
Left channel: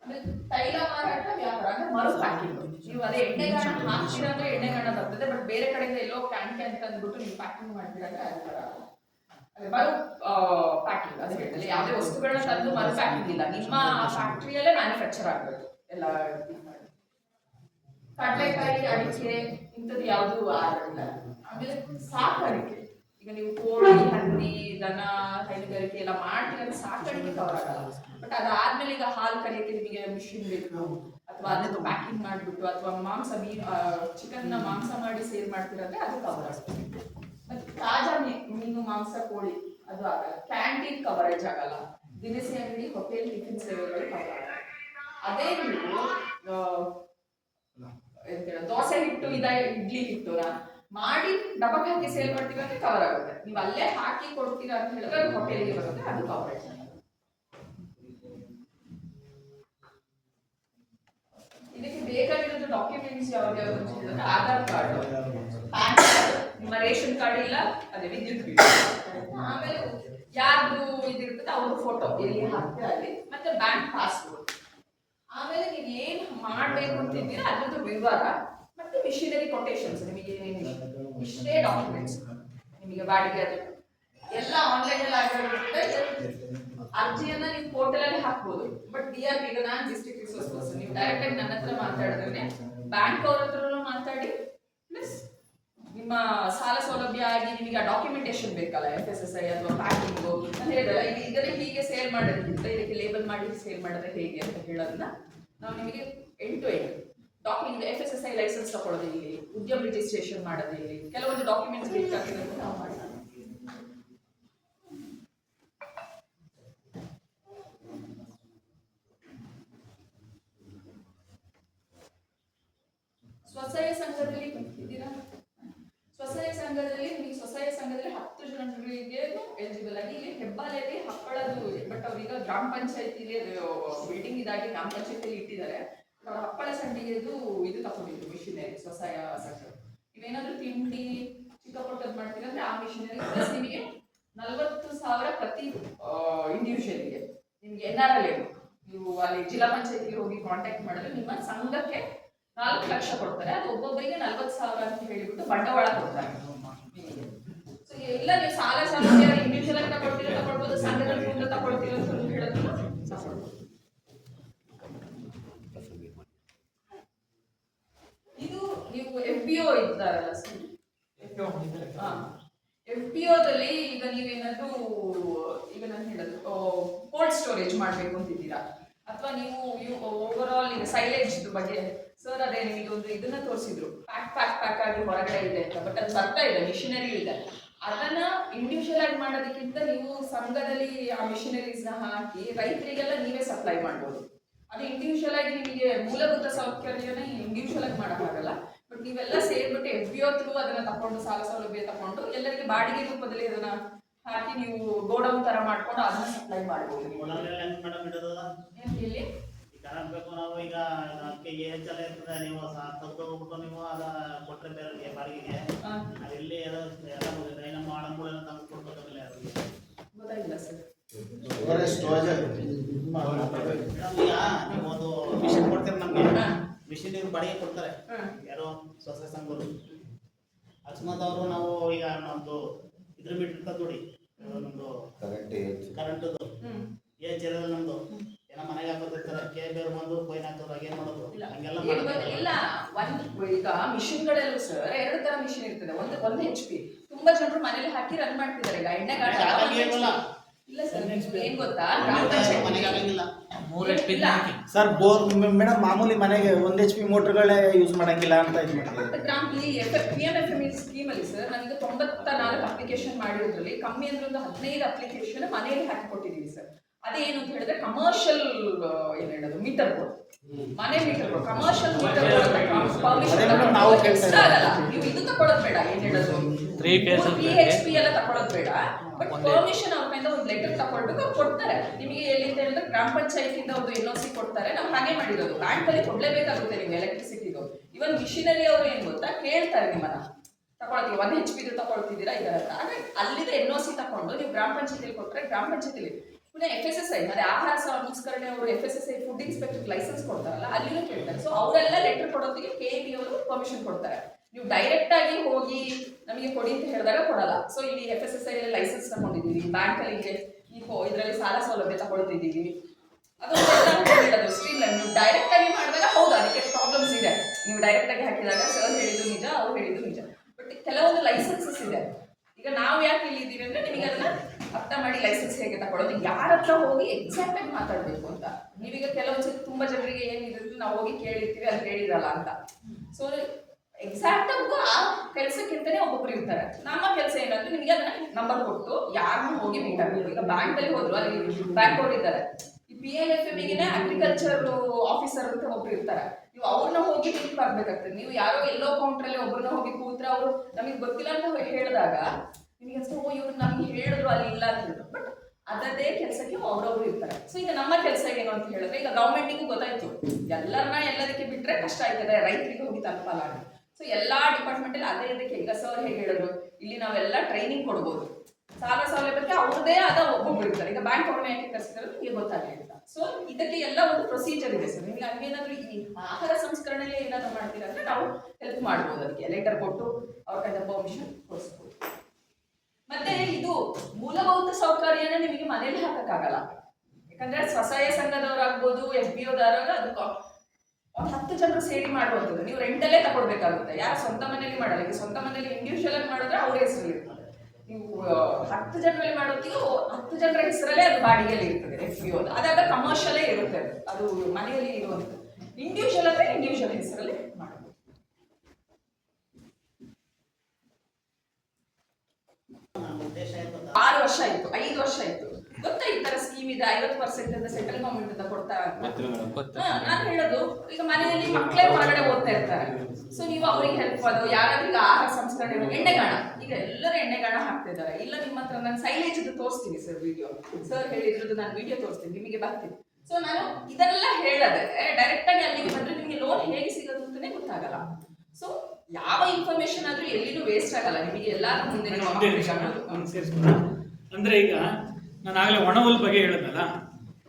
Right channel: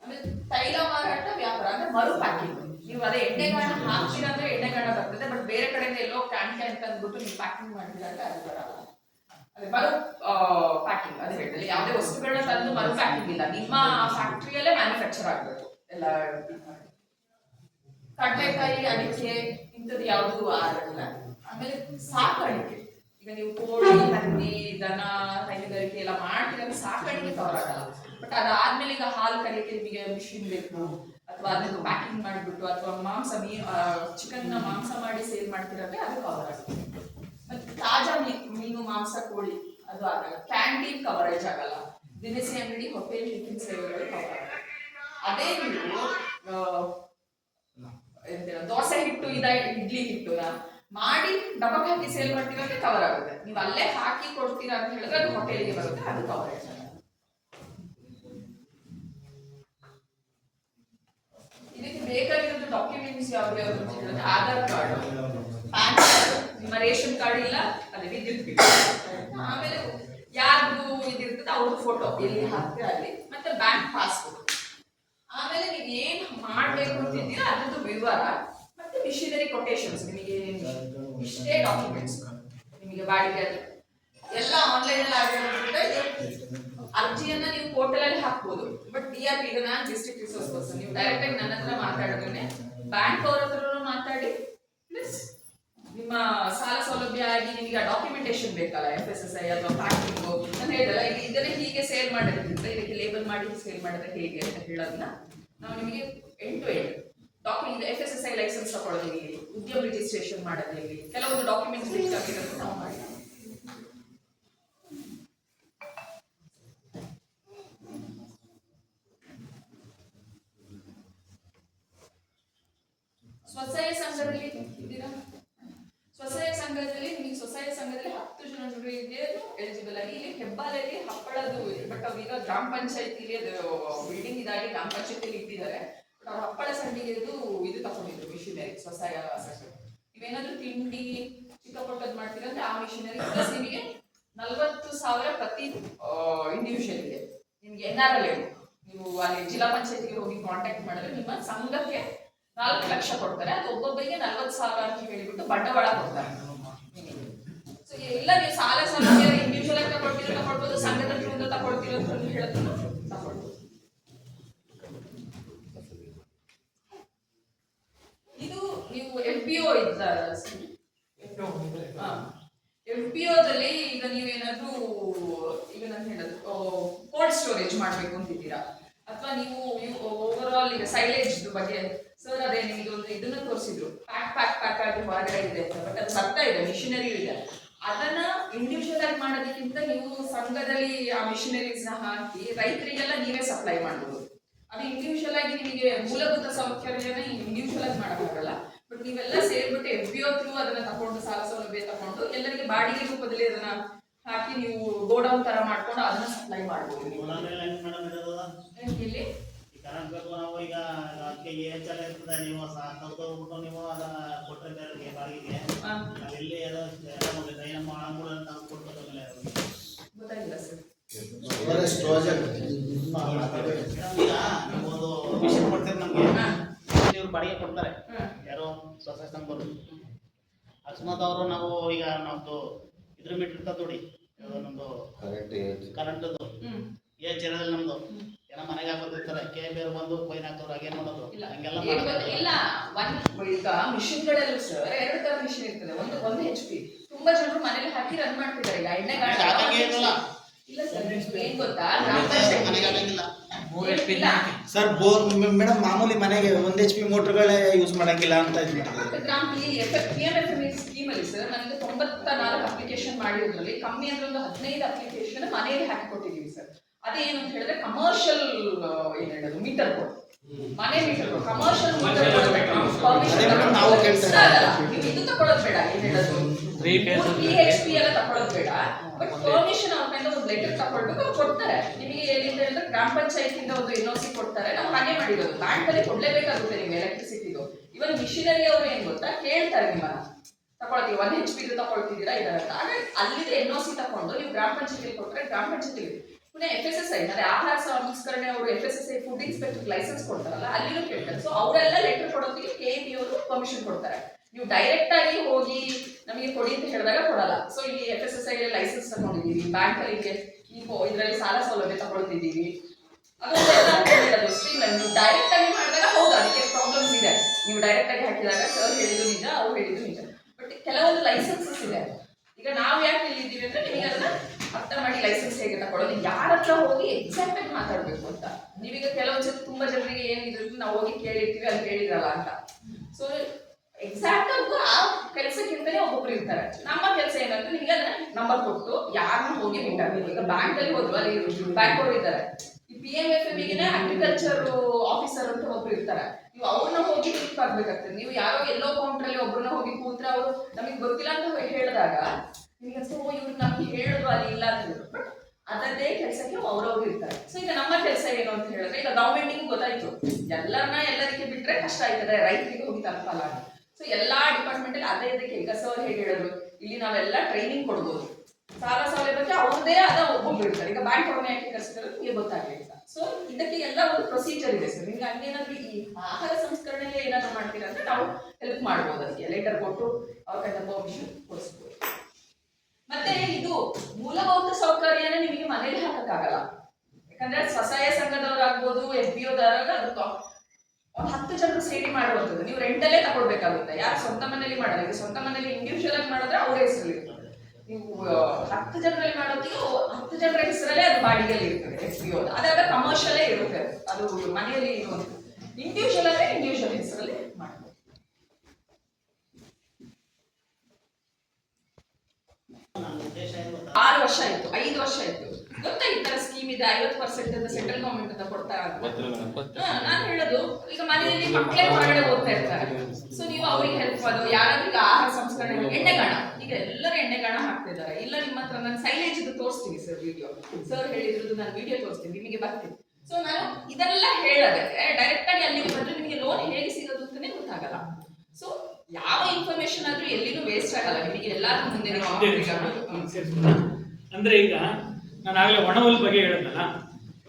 ಆಮೇಲೆ ತೈಲ ಮಾರಾಟ ವ್ಯಾಪಾರ ಅಂದ್ರೆ ಮರು ಪ್ಯಾಕಿಂಗ್. ನೀವು ಅದೇ ಎಣ್ಣೆಗಾಣ ಹಾಕ್ತೀರಾ ಅಂದ್ರೆ ಎಣ್ಣೆಗಾಣ ಬರ್ತದೆ, ಬಟ್ ಬೇರೆ ಕಡೆಯಿಂದ ಎಲ್ಲೋ ಕ್ಯಾನ್ ತಂದ್ಬಿಟ್ಟು ನೀವು ಪ್ಯಾಕಿಂಗ್ ಮಾಡ್ತೀರಾ ಅಂದ್ರೆ ಅದು ಬರಲ್ಲ. ಅದೇ ಮರು ಪ್ಯಾಕಿಂಗ್ ಅದೇ ಹೇಳಿದ್ರೆ ಯಾವುದೇ ವಸ್ತುಗಳನ್ನ ತಂದು ಮರು ಪ್ಯಾಕಿಂಗ್ ಇಲ್ಲ, ನಿಮ್ಮ ಫ್ಯಾಕ್ಟ್ರಿಯಲ್ಲೇ ಮ್ಯಾನುಫ್ಯಾಕ್ಚರ್ ಆಗಬೇಕು ಎಲ್ಲ. ಕಡಲೆಕಾಯಿ, ಅಡಿಕೆ ಇಂಥದ್ದು ಯಾವುದು ಆಗಲ್ಲ. ಆಮೇಲೆ ಸಾಕಾಣಿಕೆ, ಈಗ ನೀವು ಕೋಳಿ, ಹಂದಿ, ದನ, ಹೈನುಗಾರಿಕೆ ಎಲ್ಲ ಮಾಡ್ತೀರ, ಸಾಕಾಣಿಕೆ ಕವರ್ ಆಗಲ್ಲ. ಬಟ್ ಅದಾದ್ಮೇಲೆ ಈಗ ಹಾಲು ಕರಿಯಕ್ಕೆ ನಿಮಗೆ ಮಿಷಿನ್ ಬೇಕು, ಅಥವಾ ಅದನ್ನು ಪ್ಯಾಕಿಂಗ್ ಮಾಡಿಬಿಟ್ಟು, ಅಥವಾ ಮಾಂಸ ಚಿಕನ್ ನ ಮಾಂಸ ಮಾಡಿ ಸೇಲ್ ಮಾಡ್ತಿರಂದ್ರೆ ಅದು ಕವರ್ ಆಗುತ್ತೆ. ಮತ್ತೆ ತಾಜಾ ಮೀನು, ಮಾಂಸ, ಕೋಳಿ ಅದು ಆಗಲ್ಲ. ಕ್ಯಾಂಟೀನ್ ಕವರೇಜ್ ಆಗಲ್ಲ. ದಿನಸಿ ಅಂಗಡಿ, ಹೋಟೆಲ್, ಟಿಫಿನ್ ಸೇವೆಗಳು ಕವರ್ ಆಗಲ್ಲ. ಅದೇ ನೀವು ದೋಸೆ ಹಿಟ್ಟು, ಇಡ್ಲಿ ಹಿಟ್ಟುನ ಮಾಡಿ ಡಬ್ಬಕ್ಕೆ ಹಾಕಿ ಸೇಲ್ ಮಾಡ್ತೀರಂದ್ರೆ ಕವರ್ ಆಗುತ್ತೆ. ನೀವು ಅಲ್ಲೇ ಹಾಕಿ ಕೊಡ್ತೀರಾ ಅಂತ ಹೇಳಿದ್ರೆ ಅದು ಹೋಟೆಲ್ಗೆ ಬರುತ್ತೆ, ಅದು ಕವರೇಜ್ ಆಗಲ್ಲ. ಇದಕ್ಕೆ ಬೇಕಾಗಿರೋದು ಡಾಕ್ಯುಮೆಂಟ್ಸ್ ಯಾವ್ದು ಅಂತ ಹೇಳಿದ್ರೆ ಆಧಾರ್ ಕಾರ್ಡ್, ಪ್ಯಾನ್ ಕಾರ್ಡ್, ನಿಮ್ಮ ರೇಷನ್ ಕಾರ್ಡ್ ಇಲ್ಲ ಅದೇ ವಿದ್ಯುತ್ ಬಿಲ್, ಆಮೇಲೆ ಯಾರ್ದು ಇದಿರ್ತದೆ ಅವ್ರ ಫೋಟೋ ಎಲ್ಲಿ ಹಾಕ್ತೀರ ಅಲ್ಲಿ, ಮತ್ತೆ ಬ್ಯಾಂಕ್ ಪಾಸ್ಬುಕ್. ಆಮೇಲೆ ನೀವು ಏನ್ ಮಾಡ್ಬೇಕು ಅಂತಿದ್ದೀರಾ ಅದ್ರದ್ದು ವಿವರ, ಮತ್ತೆ ಮಿಷಿನರಿ ಕೊಟೇಶನ್ಸ್. ನಿಮಗೆ ಇಷ್ಟೇ ಡಾಕ್ಯುಮೆಂಟ್ಸ್, ನಿಮಗೆ ಬಾಡಿಗೆ ಎಲ್ಲ ಆನ್ಲೈನ್ ಅಲ್ಲಿ ಆಗಿರೋದ್ರಿಂದ ಅರ್ಜಿಯನ್ನ ನೀವು ಪೋರ್ಟಲ್ ಅಲ್ಲಿ ಹಾಕ್ಬೋದು. ಬಟ್ DRP, ಈಗ ನಾನು ಡಿಸ್ಟ್ರಿಕ್ಟ್ ರಿಸೋರ್ಸ್ ಪರ್ಸನ್, ನೀವು ಡೈರೆಕ್ಟ್ ಆಗಿ ನನ್ನ ಹತ್ರ ಮಾತಾಡಿದ್ರೆ ಬ್ಯಾಂಕ್ ಅವ್ರ ಹತ್ರ ಮಾತಾಡಿ, ಪ್ಲಸ್ ನಿಮ್ಮ ಸಾಲ ಸೌಲಭ್ಯ ಆಗಿ ನಿಮಗೆ ಡಾಕ್ಯುಮೆಂಟೇಶನ್ ಬೇಕಲ್ಲ, FSSI ಅಥವಾ ಪ್ಯಾಕಿಂಗ್ ಅಂತ ಹೇಳಿದಲ್ಲ, ಈಗ ಇದನ್ನ ಹೀಗೆ ಸೇಲ್ ಮಾಡೋದಕ್ಕಿಂತ ಇದಕ್ಕೆ ಲೇಬಲ್ ಮಾಡಿ ಸೇಲ್ ಮಾಡೋದು ಹೇಗೆ ಅಂತ ಹೇಳೋದನ್ನ ನಾವು ನಿಮಗೆ end to end document, FSSI licence ತಗೊಳ್ಳೋದು ಇಲ್ಲಿ, ಉದ್ಯಮ ರಿಜಿಸ್ಟ್ರೇಷನ್ ಮಾಡೋದು ಇಲ್ಲಿ, ಕೆಲವೊಂದು ಡಾಕ್ಯುಮೆಂಟ್ಸ್ ಬೇಕಾಗಿರೋದು ನಾವು ಮಾಡಿ. ಸ್ವಸಹಾಯ ಸಂಘದಲ್ಲಿ ಇದ್ದೀರಾ? ಸ್ವಸಹಾಯ ಸಂಘದಲ್ಲಿ ನಿಮಗೆ ಸ್ವಸಹಾಯ ಸಂಘದಲ್ಲಿ 10 ಜನರಿಗೆ ಎಲಿಜಿಬಲ್ ಆಗಿ ಇಲ್ಲಿ ಹೆಬ್ಬಾಲೆಯಲ್ಲಿ ಹಪ್ಪಳದು, ಬಟ್ ಅವ್ರೀಗ ಗ್ರಾಮ ಪಂಚಾಯತಿಲಿ ಅದು ಬಿಲ್ಡಿಂಗ್ ಇದಾಗಿ ಗ್ರಾಮ ಪಂಚಾಯತಿಲಿ ಇಟ್ಟಿದ್ದಾರೆ. ಅವ್ರ ಹಪ್ಪಳ ಸಂಡಿಗೆದು ಇದು ತಗೊಂಡಿದ್ರು ಮಿಷಿನರಿ ಸ್ವಸಹಾಯ ಸಂಘ. ನೀವೇನಾದ್ರೂ ತಿಂಡಿ ಚಿಕ್ಕ ಪುಟ್ಟದ್ದು ಮಾಡ್ತೀರಾ ಅಂದ್ರೆ ಆ ಮಿಷಿನರಿ ಪ್ಲಸ್ ನಿಮಗೆ 40,000 ಪ್ರತಿ ಇಂಡಿವಿಜುವಲ್ಗೆ. ನಿಮ್ಗೆ NRL ನೀವು ಅಲ್ಲಿ ಜಿಲ್ಲಾ ಪಂಚಾಯತಿಗೆ ಹೋಗಿ ಕಾಂಟ್ಯಾಕ್ಟ್ ಮಾಡಿದ್ರೆ ನಿಮ್ಮ ಸಂಘಕ್ಕೆ 4 ಲಕ್ಷ ಕೊಡ್ತಾರೆ. ಅದು ಒಬ್ಬೊಬ್ಬರಿಗೆ 40,000 ಅಂತ ಹೇಳಿಬಿಟ್ಟು ಬಂಡವಾಳ ಕೊಡ್ತಾರೆ ನಿಮಗೆ. ಸೊ ಎಲ್ಲ ನೀವು ಸಾಲ ಇಂಡಿವಿಜುವಲ್ ಆಗಿ ತಗೊಳ್ಬೋದು, ಸಂಘದ ಥ್ರೂಯಿಂದ ತಗೊಳ್ತೀರೋ ಅಂತ ಹೇಳೋದನ್ನ ತಗೊಳ್ಬೋದು. ಇದು ನೀವು FPO ಇದ್ದಾರಲ್ಲ ಸರ್, FPOದಲ್ಲಿ ಈಗ ನೀವೇನಾದ್ರೂ ಈಗ ನಾನು ಹೇಳೋದು ಕೋಲ್ಡ್ ಸ್ಟೋರೇಜ್ ಮಾಡಬೇಕು ಅಂತಿದ್ದೀರಾ, ಅಥವಾ ನೀವು ಓವರ್ ಆಲ್ ಈಗ ಸೈಲೇಜ್ ಬಗ್ಗೆ ಸರ್ ಅದೇ ನಿಮಗೆ ಒಂದು ಇದನ್ನ ತೋರಿಸಿದ್ರು, ಪ್ಯಾಕ್ ಆಗಿ ಹೊರಗಡೆ ಇದೆ ಅಂತ. ಬಟ್ ಅದು ಬರ್ತಾ ಇದೆ, ಮಿಷಿನರಿ ಇದೆ. ಅದನ್ನ ಇಂಡಿವಿಜುವಲ್ ಆಗಿ ಮಾಡೋದಕ್ಕಿಂತ ನೀವು ಸಂಘದಲ್ಲಿ ಆ ಮಿಷಿನರೀಸ್ ನ ಹಾಕಿ ರೈತರಿಗೆಲ್ಲ ನೀವೇ ಸಪ್ಲೈ ಮಾಡ್ಬೋದು. ಅದು ಇಂಡಿವಿಜುವಲ್ ಆಗಿ ನಿಮಗೆ ಮೂಲಭೂತ ಸೌಕರ್ಯನ ಇಂಡಿವಿಜುವಲ್ ಆಗಿ ಮಾಡೋಕ್ಕಾಗಲ್ಲ. ಬಟ್ ನೀವೆಲ್ಲ ಸೇರ್ಬಿಟ್ಟು FPO ಥ್ರೂ ಅದನ್ನ ತಗೊಂಡು ಸಾಲ ಸೌಲಭ್ಯ ತಗೊಂಡು ಎಲ್ಲರಿಗೆ ಬಾಡಿಗೆ ರೂಪದಲ್ಲಿ ಅದನ್ನ ಹಾಕಿ ನೀವು ಗೋಡೌನ್ ತರ ಮಾಡ್ಕೊಂಡು ಅದನ್ನ ಸಪ್ಲೈ ಮಾಡ್ಬೋದು. ಇಲ್ಲಿ ನಾವು ಈಗ ಅದಕ್ಕೆ ಏನ್ ಚಲ ಇರ್ತದೆ, ನೀವು ತೆಗೆದುಬಿಟ್ಟು ನೀವು ಅದನ್ನ ಕೊಟ್ಟರೆ ಬೇರೆಗೆ ಬಾಡಿಗೆಗೆ ನಾವೆಲ್ಲಿ ನಮ್ಮ ಹಣಗಳು ನಾವು ಕೊಡ್ಬೇಕಲ್ಲ. ಗೊತ್ತಾಗಿಲ್ಲ ಸರ್. ಈಗ ಒಂದು ಮಿಷನ್ ಕೊಡ್ತಾರೆ ನಮ್ಗೆ, ನೀವು ಬಾಡಿಗೆ ಕೊಡ್ತಾರೆ ಯಾರೋ ಸ್ವಸಹಾಯ ಸಂಘರು. ಅಕಸ್ಮಾತ್ ಅವರು ನಾವು ಈಗ ನಮ್ದು ಇದ್ರ ಮೀಟರ್ ಇರ್ತದೆ ನೋಡಿ, ನಮ್ದು ಕರೆಂಟದು ಏಜ್ ಇರೋದಿಲ್ಲ ನಮ್ದು, ಏನೋ ಮನೆಗೆ ಹಾಕೋದಿರ್ತಾರೆ, ಬೇರೆ ಬಂದು ಕೊಯ್ನ್ ಹಾಕೋರು ಹಾಗೇನ್ ಮಾಡೋದು ಹಂಗೆಲ್ಲ ಇಲ್ಲ. ಈಗ ಮಿಷಿನ್ಗಳೆಲ್ಲ ಸರ್ 2 ತರ ಮಿಷಿನ್ ಇರ್ತದೆ. ಒಂದು HP ತುಂಬಾ ಜನರು ಮನೇಲಿ ಹಾಕಿ ರನ್ ಮಾಡ್ತಿದ್ದಾರೆ. ಈಗ ಎಣ್ಣೆ ಇಲ್ಲ ಸರ್, ಏನ್ ಗೊತ್ತಾ, ಗ್ರಾಮ ಪಂಚಾಯತ್ ಸರ್ ಬೋರ್ ಮೇಡಮ್ ಮಾಮೂಲಿ ಮನೆಗೆ 1 HP ಮೋಟರ್ಗಳೇ ಯೂಸ್ ಮಾಡಂಗಿಲ್ಲ ಅಂತ PMFME ಸ್ಕೀಮ್ ಅಲ್ಲಿ ಸರ್ ನನಗೆ 94 ಅಪ್ಲಿಕೇಶನ್ ಮಾಡಿರೋದ್ರಲ್ಲಿ ಕಮ್ಮಿ ಅಂದ್ರೆ ಒಂದು 15 ಅಪ್ಲಿಕೇಶನ್ ಮನೆಯಲ್ಲಿ ಹಾಕಿ ಕೊಟ್ಟಿದ್ದೀವಿ ಸರ್. ಅದೇನು ಅಂತ ಹೇಳಿದ್ರೆ ಕಮರ್ಷಿಯಲ್ ಏನ್ ಹೇಳೋದು ಮೀಟರ್ ಬೋರ್ಡ್, ಮನೆ meter board, commercial meter board permission ಆಗಲ್ಲ. ನೀವು ಇದು ತಗೊಳ್ಳೋದು ಬೇಡ, ಏನ್ ಹೇಳೋದು PHP ಎಲ್ಲ ತಗೊಳ್ಳೋದು ಬೇಡ. ಬಟ್ ಪರ್ಮಿಷನ್ ಅವ್ರ ಕೈಯಿಂದ ಒಂದು ಲೆಟರ್ ತಗೊಳ್ಬೇಕು, ಅವ್ರು ಕೊಡ್ತಾರೆ ನಿಮಗೆ. ಏನಂತ ಹೇಳಿದ್ರೆ ಗ್ರಾಮ ಪಂಚಾಯತಿಯಿಂದ ಒಂದು NOC ಕೊಡ್ತಾರೆ. ನಾವು ಹಾಗೆ ಮಾಡಿರೋದು, ಬ್ಯಾಂಕ್ ಅಲ್ಲಿ ಕೊಡ್ಲೇಬೇಕಾಗುತ್ತೆ ನಿಮ್ಗೆ ಎಲೆಕ್ಟ್ರಿಸಿಟಿದು. ಇವನ್ ಮಿಷಿನರಿ ಅವರು ಏನ್ ಗೊತ್ತಾ ಕೇಳ್ತಾರೆ ನಿಮ್ಮನ್ನ, ತಗೊಳ್ತೀವಿ 1 HP ತಗೊಳ್ತಿದ್ದೀರಾ ಇದರ ಅಂತ. ಆದ್ರೆ ಅಲ್ಲಿದೆ NOC ತಗೊಂಡು ನೀವು ಗ್ರಾಮ ಪಂಚಾಯತಿಲಿ ಕೊಟ್ಟರೆ ಗ್ರಾಮ ಪಂಚಾಯತಿಲಿ ಪುನಃ FSSI ಅದೇ ಆಹಾರ ಸಂಸ್ಕರಣೆ ಅವರು FSSI ಫುಡ್ ಇನ್ಸ್ಪೆಕ್ಟರ್ ಲೈಸೆನ್ಸ್ ಕೊಡ್ತಾರಲ್ಲ ಅಲ್ಲಿನೂ ಕೇಳ್ತಾರೆ. ಸೊ ಅವರೆಲ್ಲ ಲೆಟರ್ ಕೊಡೋದಕ್ಕೆ KEB ಅವರು ಪರ್ಮಿಷನ್ ಕೊಡ್ತಾರೆ. ನೀವು ಡೈರೆಕ್ಟ್ ಆಗಿ ಹೋಗಿ ನಮಗೆ ಕೊಡಿ ಅಂತ ಹೇಳಿದಾಗ ಕೊಡಲ್ಲ. ಸೊ ಇಲ್ಲಿ FSSI ಲೈಸೆನ್ಸ್ ತಗೊಂಡಿದ್ದೀವಿ, ಬ್ಯಾಂಕ್ ಅಲ್ಲಿ ಇದರಲ್ಲಿ ಸಾಲ ಸೌಲಭ್ಯ ತಗೊಳ್ತಿದ್ದೀವಿ, ಅದೊಂದು ಸ್ಟ್ರೀಮ್ ಲೈನ್. ನೀವು ಡೈರೆಕ್ಟ್ ಆಗಿ ಮಾಡಿದಾಗ ಹೌದು ಅದಕ್ಕೆ ಪ್ರಾಬ್ಲಮ್ಸ್ ಇದೆ. ನೀವು ಡೈರೆಕ್ಟ್ ಆಗಿ ಹಾಕಿದಾಗ ಸರ್ ಹೇಳಿದ್ದು ನಿಜ, ಅವ್ರು ಹೇಳಿದ್ದು ನಿಜ. ಬಟ್ ಕೆಲವೊಂದು ಲೈಸೆನ್ಸಸ್ ಇದೆ. ಈಗ ನಾವು ಯಾಕೆ ಇಲ್ಲಿದ್ದೀವಿ ಅಂದ್ರೆ ನಿಮಗೆ ಅದನ್ನ ಅರ್ಥ ಮಾಡಿ ಲೈಸೆನ್ಸ್ ಹೇಗೆ ತಗೊಳ್ಳೋದು, ಯಾರ ಹತ್ರ ಹೋಗಿ ಎಕ್ಸಾಕ್ಟ್ ಆಗಿ ಮಾತಾಡ್ಬೇಕು ಅಂತ. ನೀವೀಗ ಕೆಲವೊಂದು ತುಂಬಾ ಜನರಿಗೆ ಏನಿದ್ರು ನಾವು ಹೋಗಿ ಕೇಳಿರ್ತೀವಿ ಅದು ಹೇಳಿರಲ್ಲ ಅಂತ. ಸೊ ಎಕ್ಸಾಕ್ಟ್ ಆಗಿ ಆ ಕೆಲಸಕ್ಕಿಂತಲೇ ಒಬ್ಬೊಬ್ರು ಇರ್ತಾರೆ. ನಮ್ಮ ಕೆಲಸ ಏನಂದ್ರೆ ನಿಮಗೆ ಅದನ್ನ ನಂಬರ್ ಕೊಟ್ಟು ಯಾರನ್ನ ಹೋಗಿ ಮೀಟ್ ಆಗಬೇಕು. ಈಗ ಬ್ಯಾಂಕ್ ಅಲ್ಲಿ ಹೋದ್ರು ಅಲ್ಲಿ ಬ್ಯಾಂಕ್ ಅವ್ರು ಇದ್ದಾರೆ. ಈ PMFMEಗೆ ಅಗ್ರಿಕಲ್ಚರ್ ಆಫೀಸರ್ ಅಂತ ಒಬ್ರು ಇರ್ತಾರೆ. ನೀವು ಅವ್ರನ್ನ ಹೋಗಿ ಮೀಟ್ ಆಗ್ಬೇಕಾಗ್ತದೆ. ನೀವು ಯಾರೋ ಎಲ್ಲೋ ಕೌಂಟರ್ ಅಲ್ಲಿ ಒಬ್ರನ್ನ ಹೋಗಿ ಕೂತ್ರೆ ಅವರು ನಮಗೆ ಗೊತ್ತಿಲ್ಲ ಅಂತ ಹೇಳಿದಾಗ ನಿಮಗೆ ಅನ್ಸುತ್ತೆ ಓ ಇವ್ರು ನಮ್ಗೆ ಹೇಳಿದ್ರು ಅಲ್ಲಿ ಇಲ್ಲ ಅಂತ ಹೇಳಿದ್ರು. ಬಟ್ ಅದರದೇ ಕೆಲಸಕ್ಕೆ ಅವರವರು ಇರ್ತಾರೆ. ಸೊ ಈಗ ನಮ್ಮ ಕೆಲಸ ಏನು ಅಂತ ಹೇಳಿದ್ರೆ, ಈಗ ಗೌರ್ಮೆಂಟಿಗೂ ಗೊತ್ತಾಯ್ತು ಎಲ್ಲದಕ್ಕೆ ಬಿಟ್ರೆ ಕಷ್ಟ ಆಯ್ತದೆ, ರೈತರಿಗೆ ಹೋಗಿ ತಲುಪಲ್ಲ. ಸೊ ಎಲ್ಲಾ ಡಿಪಾರ್ಟ್ಮೆಂಟ್ ಅಲ್ಲಿ ಅದೇ ಇದಕ್ಕೆ ಈಗ ಸರ್ ಹೇಗೆ ಹೇಳಿದ್ರು, ಇಲ್ಲಿ ನಾವೆಲ್ಲ ಟ್ರೈನಿಂಗ್ ಕೊಡ್ಬೋದು. ಸಾಲ ಸೌಲಭ್ಯಕ್ಕೆ ಅವ್ರದೇ ಆದ ಒಬ್ಬೊಬ್ರು ಇರ್ತಾರೆ. ಈಗ ಬ್ಯಾಂಕ್ ಅವ್ರನ್ನ ಯಾಕೆ ಕರೆಸಿದ್ರೆ ನಿಮಗೆ ಗೊತ್ತಾಗಿಲ್ಲ. ಸೊ ಇದಕ್ಕೆ ಎಲ್ಲ ಒಂದು ಪ್ರೊಸೀಜರ್ ಇದೆ ಸರ್. ನಿಮ್ಗೆ ಹಂಗೇನಾದ್ರೂ ಈ ಆಹಾರ ಸಂಸ್ಕರಣೆಯಲ್ಲಿ ಏನಾದ್ರು ಮಾಡ್ತೀರಾ ಅಂದ್ರೆ ನಾವು ಹೆಲ್ಪ್ ಮಾಡ್ಬೋದು. ಅದಕ್ಕೆ ಲೆಟರ್ ಕೊಟ್ಟು ಅವ್ರ ಕೈಯಿಂದ ಪರ್ಮಿಷನ್ ಕೊಡಿಸ್ಬೋದು. ಮತ್ತೆ ಇದು ಮೂಲಭೂತ ಸೌಕರ್ಯನ ನಿಮಗೆ ಮನೇಲಿ ಹಾಕಕ್ಕಾಗಲ್ಲ. ಯಾಕಂದ್ರೆ ಸ್ವಸಹಾಯ ಸಂಘದವರಾಗ್ಬೋದು, FPOದವರಾಗ ಅದಕ್ಕೆ ಒಂದು 10 ಜನರು ಸೇರಿ ಮಾಡುವಂಥದ್ದು. ನೀವು ರೆಂಟಲ್ಲೇ ತಗೊಳ್ಬೇಕಾಗುತ್ತೆ. ಯಾರು ಸ್ವಂತ ಮನೇಲಿ ಮಾಡಲ್ಲ. ಈಗ ಸ್ವಂತ ಮನೇಲಿ ಇಂಡಿವಿಜುವಲ್ ಆಗಿ ಮಾಡಿದ್ರೆ ಅವ್ರ ಹೆಸರಲ್ಲಿ ಇರ್ತದೆ. ನೀವು 10 ಜನರಲ್ಲಿ ಮಾಡೋದಿಗೆ 10 ಜನರ ಹೆಸರಲ್ಲೇ ಅದು ಬಾಡಿಗೆಯಲ್ಲಿ ಇರ್ತದೆ FPO. ಅದಾದ ಕಮರ್ಷಿಯಲೇ ಇರುತ್ತೆ, ಅದು ಮನೆಯಲ್ಲಿ ಇರುವಂಥದ್ದು. ಇಂಡಿವಿಜುವಲ್ ಅಂದ್ರೆ ಇಂಡಿವಿಜುವಲ್ ಹೆಸರಲ್ಲಿ ಮಾಡಬಹುದು. 6 ವರ್ಷ ಆಯ್ತು, 5 ವರ್ಷ ಆಯ್ತು. ಗೊತ್ತಾ ಈ ತರ ಸ್ಕೀಮ್ ಇದೆ 50% ಅಂತ ಸೆಂಟ್ರಲ್ ಗವರ್ಮೆಂಟ್ ಅಂತ ಕೊಡ್ತಾರೆ ಅಂತ. ನಾನು ಹೇಳೋದು ಈಗ ಮನೆಯಲ್ಲಿ ಮಕ್ಕಳೇ ಹೊರಗಡೆ ಓದ್ತಾ ಇರ್ತಾರೆ, ಸೊ ನೀವು ಅವ್ರಿಗೆ ಹೆಲ್ಪ್ ಮಾಡೋದು. ಯಾರಾದ್ರೂ ಈಗ ಆಹಾರ ಸಂಸ್ಕರಣೆ ಎಣ್ಣೆಗಾಣ, ಈಗ ಎಲ್ಲರೂ ಎಣ್ಣೆಗಾಣ ಹಾಕ್ತಾ ಇದ್ದಾರೆ. ಇಲ್ಲ ನಿಮ್ಮ ಹತ್ರ ನಾನು ಸೈಲೇಜ್ ತೋರಿಸ್ತೀನಿ ಸರ್, ವಿಡಿಯೋ ಸರ್ ಹೇಳಿದ್ರದ್ದು ನಾನು ವಿಡಿಯೋ ತೋರಿಸ್ತೀನಿ, ನಿಮಗೆ ಬರ್ತೀನಿ. ಸೊ ನಾನು ಇದೆಲ್ಲ ಹೇಳದೆ ಡೈರೆಕ್ಟ್ ಆಗಿ ಅಲ್ಲಿಗೆ ಬಂದ್ರೆ ನಿಮಗೆ ಲೋನ್ ಹೇಗೆ ಸಿಗೋದು ಅಂತಾನೆ ಗೊತ್ತಾಗಲ್ಲ. ಸೊ ಯಾವ ಇನ್ಫಾರ್ಮೇಶನ್ ಆದ್ರೂ ಎಲ್ಲಿನೂ ವೇಸ್ಟ್ ಆಗಲ್ಲ, ನಿಮಗೆ ಎಲ್ಲಾದ್ರೂ ಮುಂದೆ ಅಂದ್ರೆ ಈಗ ನಾನು ಆಗಲೇ ಒಣ ಹುಲ್ ಬಗ್ಗೆ ಹೇಳಿದ್ನಲ್ಲ,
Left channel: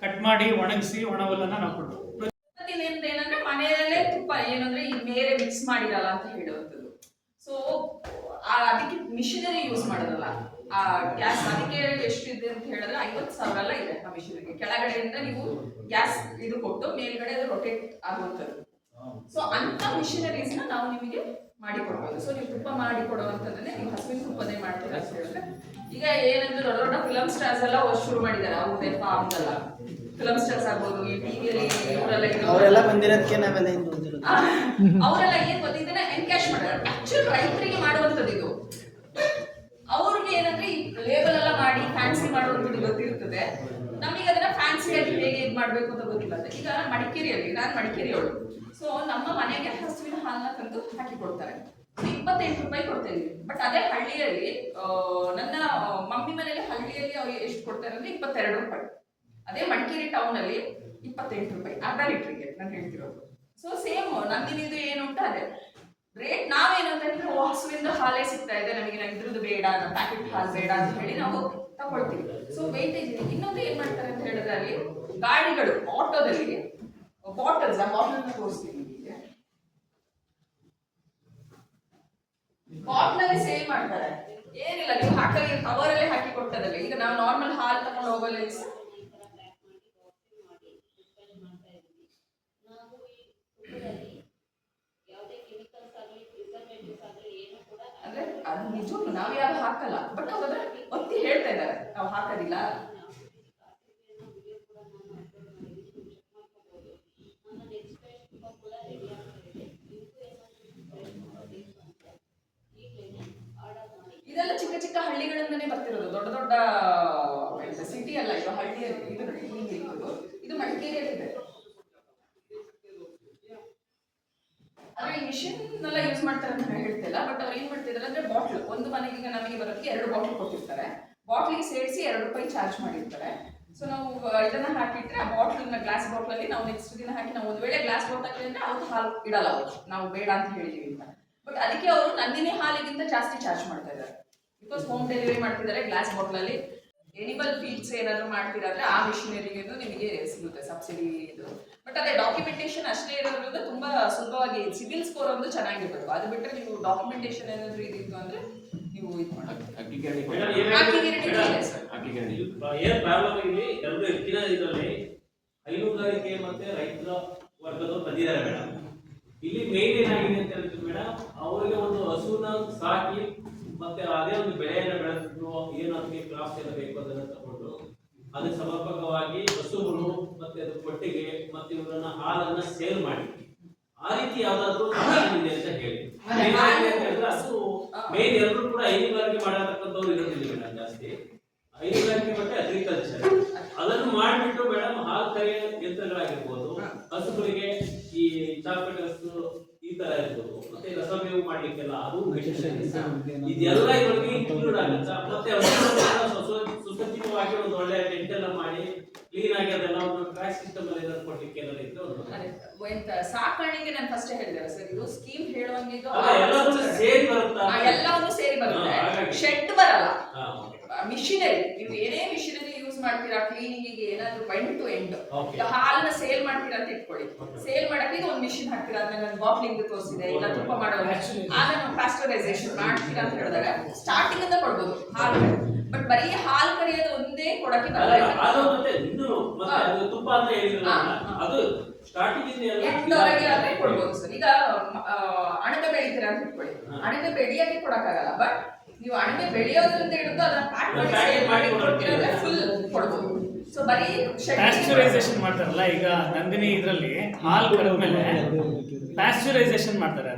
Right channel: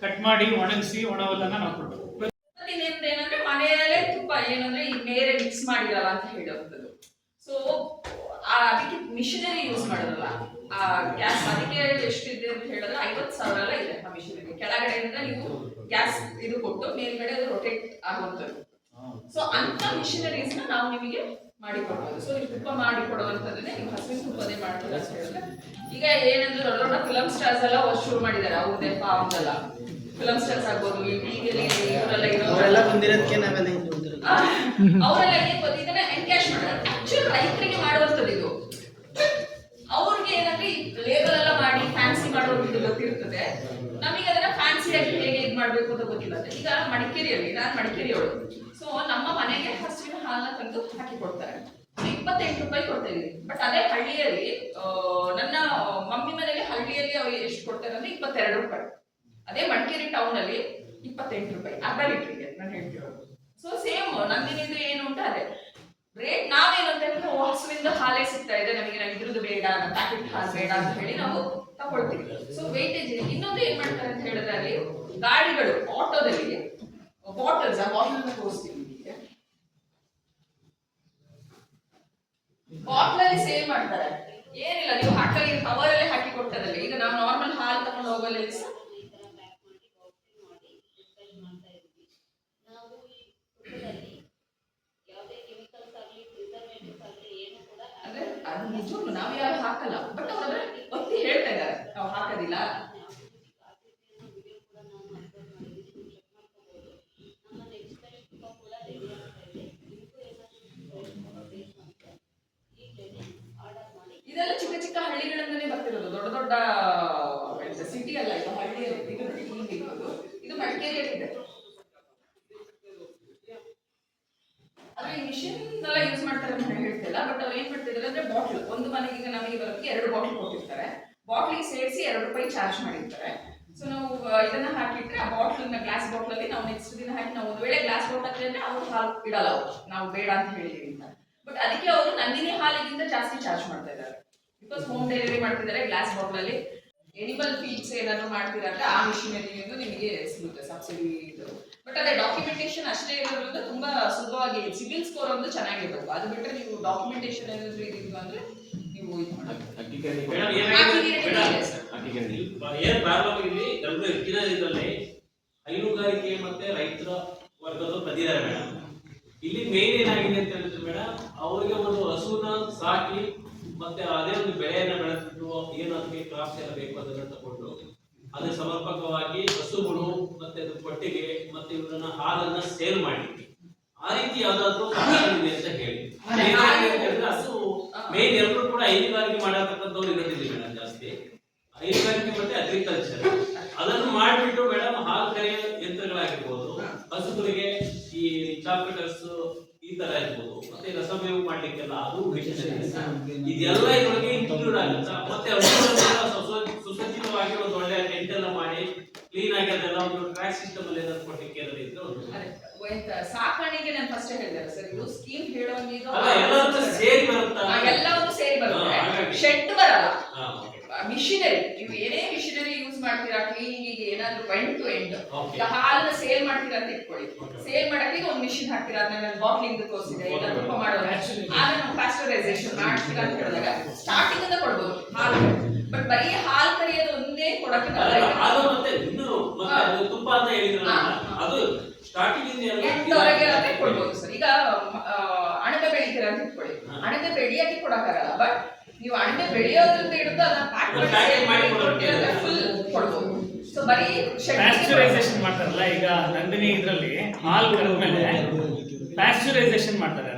ಕಟ್ ಮಾಡಿ ಒಣಗಿಸಿ ಒಣ ಹುಲ್ಲನ್ನ ನಾವು ಕೊಟ್ಟು ಏನಂದ್ರೆ ಮನೆಯಲ್ಲೇ ತುಪ್ಪ ಏನಂದ್ರೆ ಈ ಬೇರೆ ಮಿಕ್ಸ್ ಮಾಡಿರಲ್ಲ ಅಂತ ಹೇಳುವಂಥದ್ದು. ಸೊ ಅದಕ್ಕೆ ಮಿಷಿನರಿ ಯೂಸ್ ಮಾಡೋದಲ್ಲ. ಆ ಗ್ಯಾಸ್ ಅದಕ್ಕೆ ಎಷ್ಟಿದೆ ಅಂತ ಹೇಳಿದ್ರೆ 50,000 ಎಲ್ಲ ಇದೆ ಆ ಮಿಷಿನರಿ. ಕೆಳಗಡೆಯಿಂದ ನೀವು ಗ್ಯಾಸ್ ಇದು ಕೊಟ್ಟು ಮೇಲ್ಗಡೆ ಅದು ರೊಟೇಟ್ ಆಗುವಂಥದ್ದು. ಸೊ ಅಂತ ಮಿಷಿನರೀಸ್ ನಾವು ನಿಮಗೆ ಮಾಡಿ ಕೊಡ್ಬೋದು. ಸೊ ನೀವು ತುಪ್ಪ ಮಾಡಿ ಕೊಡುವಂಥದ್ದನ್ನೇ ನೀವು ಹಸುವಿನ ತುಪ್ಪದೇ ಮಾಡ್ತೀರಾ ಅಂತ ಹೇಳಿದ್ರೆ, ಈಗ ಏನಂದ್ರೆ ದೊಡ್ಡ ದೊಡ್ಡ ಫಿಲಮ್ ಸ್ಟಾರ್ಸ್ ಎಲ್ಲ ಶುರು ಮಾಡಿದ್ದಾರೆ. ಅವ್ರದೇ ಫಾರ್ಮ್ದಲ್ಲ ಫಿಲಮ್ ಸ್ಟಾರ್ಸ್ ಆಗ್ಬೋದು, ಈ ಟಿವಿಯಲ್ಲಿ ಇವರೆಲ್ಲ ಅವರೆಲ್ಲ ಬಂದಿರೋದಕ್ಕೆ ನಾವೆಲ್ಲ ಅವರೆಲ್ಲ ಏನ್ ಗೊತ್ತು ಇದನ್ನ ಎನ್ಕ್ಯಾಶ್ ಮಾಡ್ತಾರೆ. ಆಕ್ಚುಲಿ ರೈತರಿಗೆ ಮಾಡುವಂಥದ್ದು ಇದು. ಅವ್ರಿಗೆ ಏನಂದ್ರೆ ಈ ಲೇಬಲ್ ಎಲ್ಲ ಮಾಡಿ ಫ್ಯಾನ್ಸಿ ಮಾಡುವಂಥದ್ದು ಗೊತ್ತಿರ್ತದೆ, ನಮಗೆ ಅದನ್ನ ಫ್ಯಾನ್ಸಿಯಾಗಿ ಹೇಗೆ ಇದು ಮಾಡ್ಬೇಕು ಅಂತ ಗೊತ್ತಿಲ್ಲ. ಈಗ ಮಡಿಕೇರಿಯಲ್ಲಿ, ನಾನು ಮಡಿಕೇರಿಯವಳು, ಸೊ ನಮ್ಮ ಮನೆಗೆ ಹಸುವಿನ ಹಾಲನ್ನ ತಂದು ಹಾಕಿ ಕೊಡ್ತಾರೆ. 28 ರೂಪಾಯಿ ಕೊಡ್ತಾ ಇದೀವಿ. ಬಟ್ ಅದೇ ಹಳ್ಳಿಯಲ್ಲಿ ನನ್ನ ಮಮ್ಮಿ ಮನೇಲಿ ಹಳ್ಳಿಯಲ್ಲಿ ಅವ್ರು ಎಷ್ಟು ಕೊಡ್ತಾರೆ ಅಂದ್ರೆ 22 ರೂಪಾಯಿ. ಅದೇ ಮಡಿಕೇರಿ ಟೌನ್ ಅಲ್ಲಿ 28 ರೂಪಾಯಿ ಅರ್ಧ ಲೀಟ್ರಿಗೆ ನಾನು ಹೇಳ್ತಿರೋದು. ಸೊ ಸೇಮ್ ನಂದಿನಿದು ಏನು ಉಂಟು ಅದೇ ರೇಟ್. ನಾವೇನು ಅಂತ ಹೇಳಿದ್ರೆ ಹಸುವಿಂದ ಹಾಲೇ ಸಿಗ್ತಾ ಇದೆ ನಮಗೆ, ನಾವು ಇದ್ರದ್ದು ಬೇಡ, ನಮ್ಮ ಪ್ಯಾಕೆಟ್ ಹಾಲು ಬೇಡ ಅಂತ ಹೇಳಿ ನಾವು ತಗೊಳ್ತೀವಿ. So weightage. ಇನ್ನೊಂದು ಏನ್ ಮಾಡ್ತಾರೆ ಅಂತ ಹೇಳಿದ್ರೆ ಅಲ್ಲಿ ಗಾಡಿಗಳು ಆಟೋದಲ್ಲಿ ಬಾಟಲ್ಸ್, ಆ ಬಾಟಲ್ ತೋರಿಸ್ತೀನಿ ನಿಮಗೆ. ಬಾಟ್ಲಲ್ಲಿ ಸೇಲ್ ಮಾಡ್ತಾರೆ. ಏನಿಲ್ಲ, ನೀವು ಹಾಕಲಿ ಕವರಲ್ಲೇ ಹಾಕಿ ಕೊಡ್ತಾರಲ್ಲ. ಈಗ ನಾವು ನಾರ್ಮಲ್ ಹಾಲು ತಗೊಂಡು ಹೋಗಲ್ಲ ಅಂದ್ರೆ ಅದು ನಿಜವೂ ನಾವು ಯಾರು ಹಾಕಲ್ಲ, ಬಟ್ ಅವ್ರ ಒತ್ತಿ ಹೇಳ್ತಾ ಇದ್ದಾರೆ ನಾವು ಹಾಕೋದಿಲ್ಲ. ಇದೆಲ್ಲ ಚಿಕ್ಕ ಚಿಕ್ಕ ಹಳ್ಳಿಗಳಿಂದಲೇ ಬರ್ತಿರೋದು, ದೊಡ್ಡ ದೊಡ್ಡ ಸಿಟಿ ಅಲ್ಲ ಇದು, ಹಳ್ಳಿಯಲ್ಲಿ. ಇದು ನೋಡಿ ಹಿಂಗೆ ಇರೋದು, ಇದು ಮಡಿಕೇರಿಯಲ್ಲಿ ಇದೆ. ಆದ್ರೆ ಈ ಮಿಷಿನ್ ಎಲ್ಲ ಯೂಸ್ ಮಾಡ್ತಾರೆ ಅಂತ ನಾನು ಹೇಳ್ತಿಲ್ಲ, ಬಟ್ ಅವ್ರು ಏನ್ ಮಾಡ್ತಿದ್ದಾರೆ ಅಂದ್ರೆ ಬಾಟ್ಲ್, ಒಂದು ಮನೆಗೆ ಈಗ ನಮಗೆ ಬರೋದಕ್ಕೆ 2 ಬಾಟ್ಲ್ ಕೊಟ್ಟಿರ್ತಾರೆ. ಬಾಟ್ಲಿಗೆ ಸೇರಿಸಿ 2 ರೂಪಾಯಿ ಚಾರ್ಜ್ ಮಾಡಿರ್ತಾರೆ. ಸೊ ನಾವು ಇದನ್ನ ಹಾಕಿಟ್ರೆ ಆ ಬಾಟ್ಲನ್ನ ಗ್ಲಾಸ್ ಬಾಟ್ಲಲ್ಲಿ ನಾವು ನೆಕ್ಸ್ಟ್ ದಿನ ಹಾಕಿ, ನಾವು ಒಂದು ವೇಳೆ ಗ್ಲಾಸ್ ಬಾಟ್ಲ್ ಹಾಕಿದ್ರೆ ಅಂದ್ರೆ ಅವ್ರು ಹಾಲು ಇಡಲ್ಲ, ಅವರು ನಾವು ಬೇಡ ಅಂತ ಹೇಳಿದೀವಿ ಅಂತ. ಬಟ್ ಅದಕ್ಕೆ ಅವರು ನಂದಿನಿ ಹಾಲಿಗಿಂತ ಜಾಸ್ತಿ ಚಾರ್ಜ್ ಮಾಡ್ತಾ ಇದ್ದಾರೆ. ಬಿಕಾಸ್ ಹೋಮ್ ಡೆಲಿವರಿ ಮಾಡ್ತಿದ್ದಾರೆ ಗ್ಲಾಸ್ ಬಾಟ್ಲಲ್ಲಿ. ಎನಿಮಲ್ ಫೀಡ್ಸ್ ಏನಾದ್ರು ಮಾಡ್ತೀರಾ ಅಂದ್ರೆ ಆ ಮಿಷಿನರಿಯನ್ನು ನಿಮಗೆ ಸಿಗುತ್ತೆ ಸಬ್ಸಿಡಿ ಇದು. ಬಟ್ ಅದೇ ಡಾಕ್ಯುಮೆಂಟೇಶನ್ ಅಷ್ಟೇ ಇರೋದ್ರಿಂದ ತುಂಬಾ ಸುಲಭವಾಗಿ, ಸಿವಿಲ್ ಸ್ಕೋರ್ ಒಂದು ಚೆನ್ನಾಗಿರ್ಬೇಕು. ಅದು ಬಿಟ್ಟರೆ ನೀವು ಡಾಕ್ಯುಮೆಂಟೇಶನ್ ಏನಾದ್ರು ಇದಿತ್ತು ಅಂದ್ರೆ ನೀವು ಇದು ಮಾಡೋದು. ಏನ್ ಪ್ರಾಬ್ಲಮ್ ಆಗಿದೆ ಎಲ್ಲರೂ ಹೆಚ್ಚಿನ ಇದರಲ್ಲಿ ಹೈನುಗಾರಿಕೆ ಮತ್ತೆ ರೈತರ ವರ್ಗದವರು ಬಂದಿದ್ದಾರೆ ಮೇಡಮ್. ಇಲ್ಲಿ ಮೇನ್ ಏನಾಗಿದೆ ಅಂತ ಹೇಳಿದ್ರೆ ಮೇಡಮ್, ಅವರಿಗೆ ಒಂದು ಹಸುನ ಸಾಕಿ ಮತ್ತೆ ಅದೇ ಒಂದು ಬೆಳೆಯನ್ನು ಬೆಳೆದ್ಬಿಟ್ಟು ಏನು ಅದಕ್ಕೆ ಕ್ರಾಪ್ಸ್ ಎಲ್ಲ ಬೇಕು ಅದನ್ನ ತಗೊಂಡು ಅದೇ ಸಮರ್ಪಕವಾಗಿ ಹಸುಗಳು ಮತ್ತೆ ಅದು ಕೊಟ್ಟಿಗೆ ಮತ್ತೆ ಇವರನ್ನ ಹಾಲನ್ನ ಸೇಲ್ ಮಾಡಿ ಆ ರೀತಿ ಯಾವ್ದಾದ್ರು ಇದೆ ಅಂತ ಹೇಳಿ. ಹಸು ಮೇನ್ ಎಲ್ಲರೂ ಕೂಡ ಹೈನುಗಾರಿಕೆ ಮಾಡತಕ್ಕಂಥವ್ರು ಇರೋದಿಲ್ಲ ಮೇಡಮ್, ಜಾಸ್ತಿ ಹೈನುಗಾರಿಕೆ ಮತ್ತೆ ಅಗ್ರಿಕಲ್ಚರ್ ಅದನ್ನು ಮಾಡಿಬಿಟ್ಟು ಮೇಡಮ್ ಹಾಲು ಕರೆಯ ಯಂತ್ರಗಳಾಗಿರ್ಬೋದು, ಹಸುಗಳಿಗೆ ಈ ಚಾಕಟರ್ಸ್ ಈ ತರ ಇರ್ಬೋದು, ಮತ್ತೆ ರಸಮೇವು ಮಾಡ್ಲಿಕ್ಕೆಲ್ಲ ಅದು ಇದೆಲ್ಲ ಇದ್ರೊಳಗೆ ಇನ್ಕ್ಲೂಡ್ ಆಗುತ್ತೆ. ಮತ್ತೆ ಸುಸಜ್ಜಿತವಾಗಿ ಒಂದು ಒಳ್ಳೆ ಟೆಂಟ್ ಎಲ್ಲ ಮಾಡಿ ಕ್ಲೀನ್ ಆಗಿ ಅದೆಲ್ಲ ಒಂದು ಟ್ರ್ಯಾಕ್ ಸಿಸ್ಟಮ್ ಅಲ್ಲಿ ಏನಾದ್ರು ಕೊಟ್ಟಿಕ್ಕೆ ಎಲ್ಲ ಇದ್ರೆ ಸಾಕಾಣಿಕೆ ನಾನು ಫಸ್ಟ್ ಹೇಳಿದೆ ಸರ್, ಇದು ಸ್ಕೀಮ್ ಹೇಳುವಂಗೆ ಇದು ಸೇರಿ ಬರುತ್ತಾ? ಎಲ್ಲವನ್ನು ಸೇರಿ ಬರುತ್ತೆ. ಶೆಡ್ ಬರಲ್ಲ, ಮಿಷಿನರಿ. ನೀವು ಏನೇ ಮಿಷಿನರಿ ಯೂಸ್ ಮಾಡ್ತೀರಾ ಕ್ಲೀನಿಂಗಿಗೆ ಏನಾದ್ರು ಎಂಡ್ ಟು ಎಂಡ್. ಈಗ ಹಾಲನ್ನ ಸೇಲ್ ಮಾಡ್ತೀರಾ ಅಂತ ಇಟ್ಕೊಳ್ಳಿ, ಸೇಲ್ ಮಾಡಕ್ಕೆ ಒಂದು ಮಿಷಿನ್ ಹಾಕ್ತೀರಾ, ಅದನ್ನ ಬಾಟ್ಲಿಂಗ್ ತೋರಿಸಿದೆ, ಇಲ್ಲ ತುಪ್ಪ ಮಾಡೋದು, ಆಗ ನಾವು ಪಾಸ್ಟರೈಸೇಷನ್ ಮಾಡ್ತೀರಾ ಅಂತ ಹೇಳಿದಾಗ ಸ್ಟಾರ್ಟಿಂಗ್ ಇಂದ ಕೊಡ್ಬೋದು ಹಾಲು. ಬಟ್ ಬರೀ ಹಾಲು ಕರೆಯೋದು ಒಂದೇ ಕೊಡಕ್ಕೆ ಬರಲ್ಲ. ತುಪ್ಪ ಅಂತ ಹೇಳಿದ್ರಲ್ಲ, ಅದು ಸ್ಟಾರ್ಟಿಂಗ್ ಎಂಟವರೆಗೆ ಕೊಡ್ಬೋದು ಸರ್. ಈಗ ಅಣಬೆ ಬೆಳಿತೀರಾ ಅಂತ ಇಟ್ಕೊಳ್ಳಿ, ಅಣಬೆ ಬೆಳೆಯಕ್ಕೆ ಕೊಡಕ್ಕಾಗಲ್ಲ, ಬಟ್ ನೀವು ಅಣಬೆ ಬೆಳೆಯೋದ್ರಿಂದ ಹಿಡಿದು ಅದನ್ನ ಪ್ಯಾಕ್ ಮಾಡಿ ಕೊಟ್ಟಿರೋದ್ರೆ ಫುಲ್ ಕೊಡ್ಬೋದು. ಸೊ ಬರೀ ಪ್ಯಾಸ್ಚರೈಸೇಷನ್ ಮಾಡ್ತಾರಲ್ಲ, ಈಗ ನಂದಿನಿ ಇದರಲ್ಲಿ ಹಾಲು ಕರೆದ್ಮೇಲೆ ಪ್ಯಾಸ್ಚರೈಸೇಷನ್ ಮಾಡ್ತಾರೆ,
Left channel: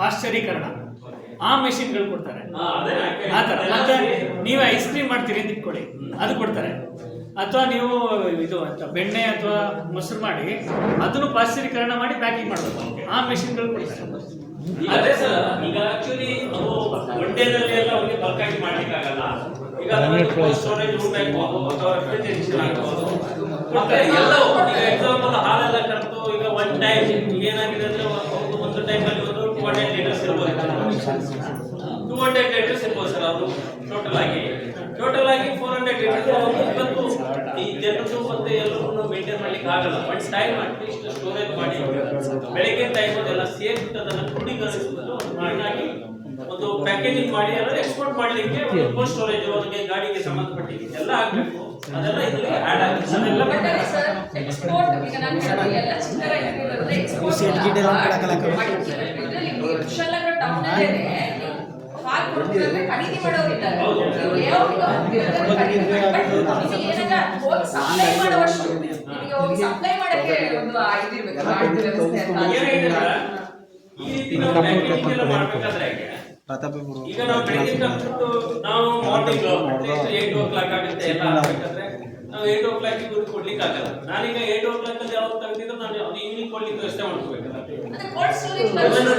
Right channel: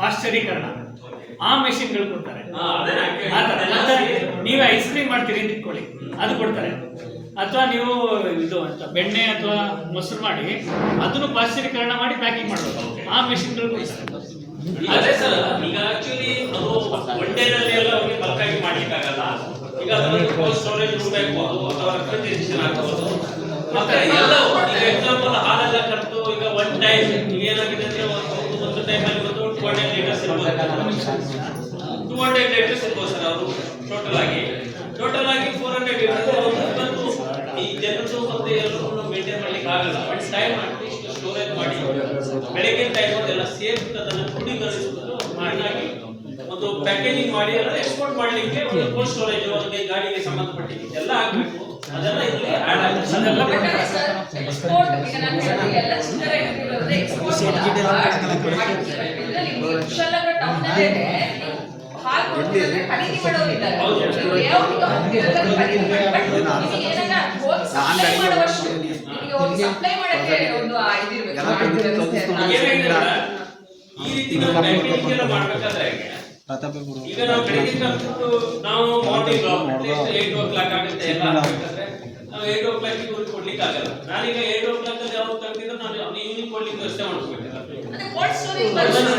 ಪಾಶ್ಚರೀಕರಣ, ಆ ಮೆಷಿನ್ಗಳು ಕೊಡ್ತಾರೆ. ನೀವು ಐಸ್ ಕ್ರೀಮ್ ಮಾಡ್ತೀರಿ ಅಂತ ಇಟ್ಕೊಳ್ಳಿ, ಅದು ಕೊಡ್ತಾರೆ. ಅಥವಾ ನೀವು ಇದು ಅಂತ ಬೆಣ್ಣೆ ಅಥವಾ ಮೊಸರು ಮಾಡಿ ಅದನ್ನು ಪಾಶ್ಚರೀಕರಣ ಮಾಡಿ ಪ್ಯಾಕಿಂಗ್ ಮಾಡಬೇಕು. ಆ ಮೆಷಿನ್ಗಳು ಕೊಡ್ತಾರೆ. ಅದೇ ಸರ್, ಈಗ ಆಕ್ಚುಲಿ ಅದು ಒನ್ ಡೇನಲ್ಲಿ ಎಲ್ಲ ಅವ್ರಿಗೆ ಬಲ್ಕ್ ಆಗಿ ಮಾಡ್ಲಿಕ್ಕೆ ಆಗಲ್ಲ. ಈಗ ಸ್ಟೋರೇಜ್ ರೂಮ್ ಆಗ್ಬೋದು ಅಥವಾ ರೆಫ್ರಿಜರೇಷನ್ ಆಗ್ಬೋದು. ಮತ್ತೆ ಎಲ್ಲವೂ ಈಗ ಎಕ್ಸಾಂಪಲ್ ಹಾಲೆಲ್ಲ ಕರೆದು ಈಗ ಒನ್ ಟೈಮ್ ಈಗ ಏನಾಗಿದೆ ಅಂದ್ರೆ ಒಂದು ಟೈಮಲ್ಲಿ ಒಂದು 200 ಲೀಟರ್ಸ್ ಇರ್ಬೋದು, 200 ಲೀಟರ್ಸ್ ಇರ್ಬೋದು ಸರ್. ಅವರು ಟೋಟಲ್ ಆಗಿ 400 ಲೀಟರ್ಸ್ ಇವತ್ತು ಈ ಜನರು ಮತ್ತೆ ಎಲ್ಲರೂ ಮೇಂಟೈನ್ ಮಾಡ್ಲಿಕ್ಕೆ ಆಗಲ್ಲ. ಒನ್ ಟೈಮ್ ಅಟ್ಲೀಸ್ಟ್ ಸ್ಟೋರೇಜ್ ಮಾಡಿ ಬೆಳಗ್ಗೆ ಟೈಮ್ ಎಲ್ಲ ಸೇರ್ಬಿಟ್ಟು ಅದನ್ನು ಕ್ರೋಢೀಕರಿಸುವುದು ಕ್ಲೀನಾಗಿ ಒಂದು ಪ್ಯಾಕೇಜಿಂಗ್ ಮಾಡಿ ಎಲ್ಲ ಎಕ್ಸ್ಪೋರ್ಟ್ ಮಾಡ್ಲಿಕ್ಕೆ ಒಂದು ಕೋಲ್ಡ್ ಸ್ಟೋರೇಜ್ ಅವರಿಗೆ ಗಾಡಿಗೆ ಸಂಬಂಧಪಟ್ಟಿದ್ದು ಎಲ್ಲ ಆಗಬೇಕು. ಅದೆಲ್ಲ ಇದರಲ್ಲಿ ಆಡ್ ಆಗುತ್ತೆ. ಎಕ್ಸ್ಪೋರ್ಟ್ ಈಗ ನಾನು ಹೇಳಿದೆ ಎಲ್ಲ ಚಿಲ್ಲರ ಇರೋದ್ರಿಂದ ಎಕ್ಸ್ಪೋರ್ಟ್ ಇದರಲ್ಲಿ ನಿಮಗೆ ಕುಶಾಲನಗರ ಟೌನ್ ಅಲ್ಲೇ ಹಾಲು ಕೊಡ್ತಿದ್ರೆ ಖರೀದಿ ಮಾಡೋರು ಇದ್ದಾರೆ. ನೀವು ಲೇಔಟ್ ಹೋಗ್ತಿದ್ರೆ ಖರೀದಿ ಮಾಡಿ, ಬಟ್ ನಿಮಗೆ ಏನಾದ್ರೆ ಹೋಗಿ ಸಪ್ಲೈ ಮಾಡುವಷ್ಟು ನಿಮಗೆ ಹೋಗಿ ಸಪ್ಲೈ ಮಾಡಕ್ಕೆ ಒಂದು ಇದಿರ್ಬೇಕು, ಗಾಡಿ ವ್ಯವಸ್ಥೆ ಅಂತ. ಈ ರೀತಿ ನಾವು ಪ್ಯಾಕೇಜಿಂಗ್ ಎಲ್ಲ ಮಾಡ್ಬೇಕಾದ್ರೆ ಈಗ ನಾವು ಬೆಳಿಗ್ಗೆ ನಾವು ಮಾರ್ನಿಂಗ್ 8 o'clock ಆಗುತ್ತೆ ಎಲ್ಲ ಆಗ್ಬೇಕಾದ್ರೆ ನಾವು 8 o'clock ಇವ್ರಿಗೆ ಕೊಡ್ಲಿಕ್ಕೆ ಆಗಲ್ಲ. ನಾನೀಗ 8 o'clock ಅಲ್ಲಿ ಯಾವಾಗ ತೆಗೆದಿದ್ರೆ ನಾನು ಅದು ಈವ್ನಿಂಗ್ ಕೊಡ್ಲಿಕ್ಕೆ ವ್ಯವಸ್ಥೆ ಮಾಡ್ಕೋಬೇಕಲ್ಲ.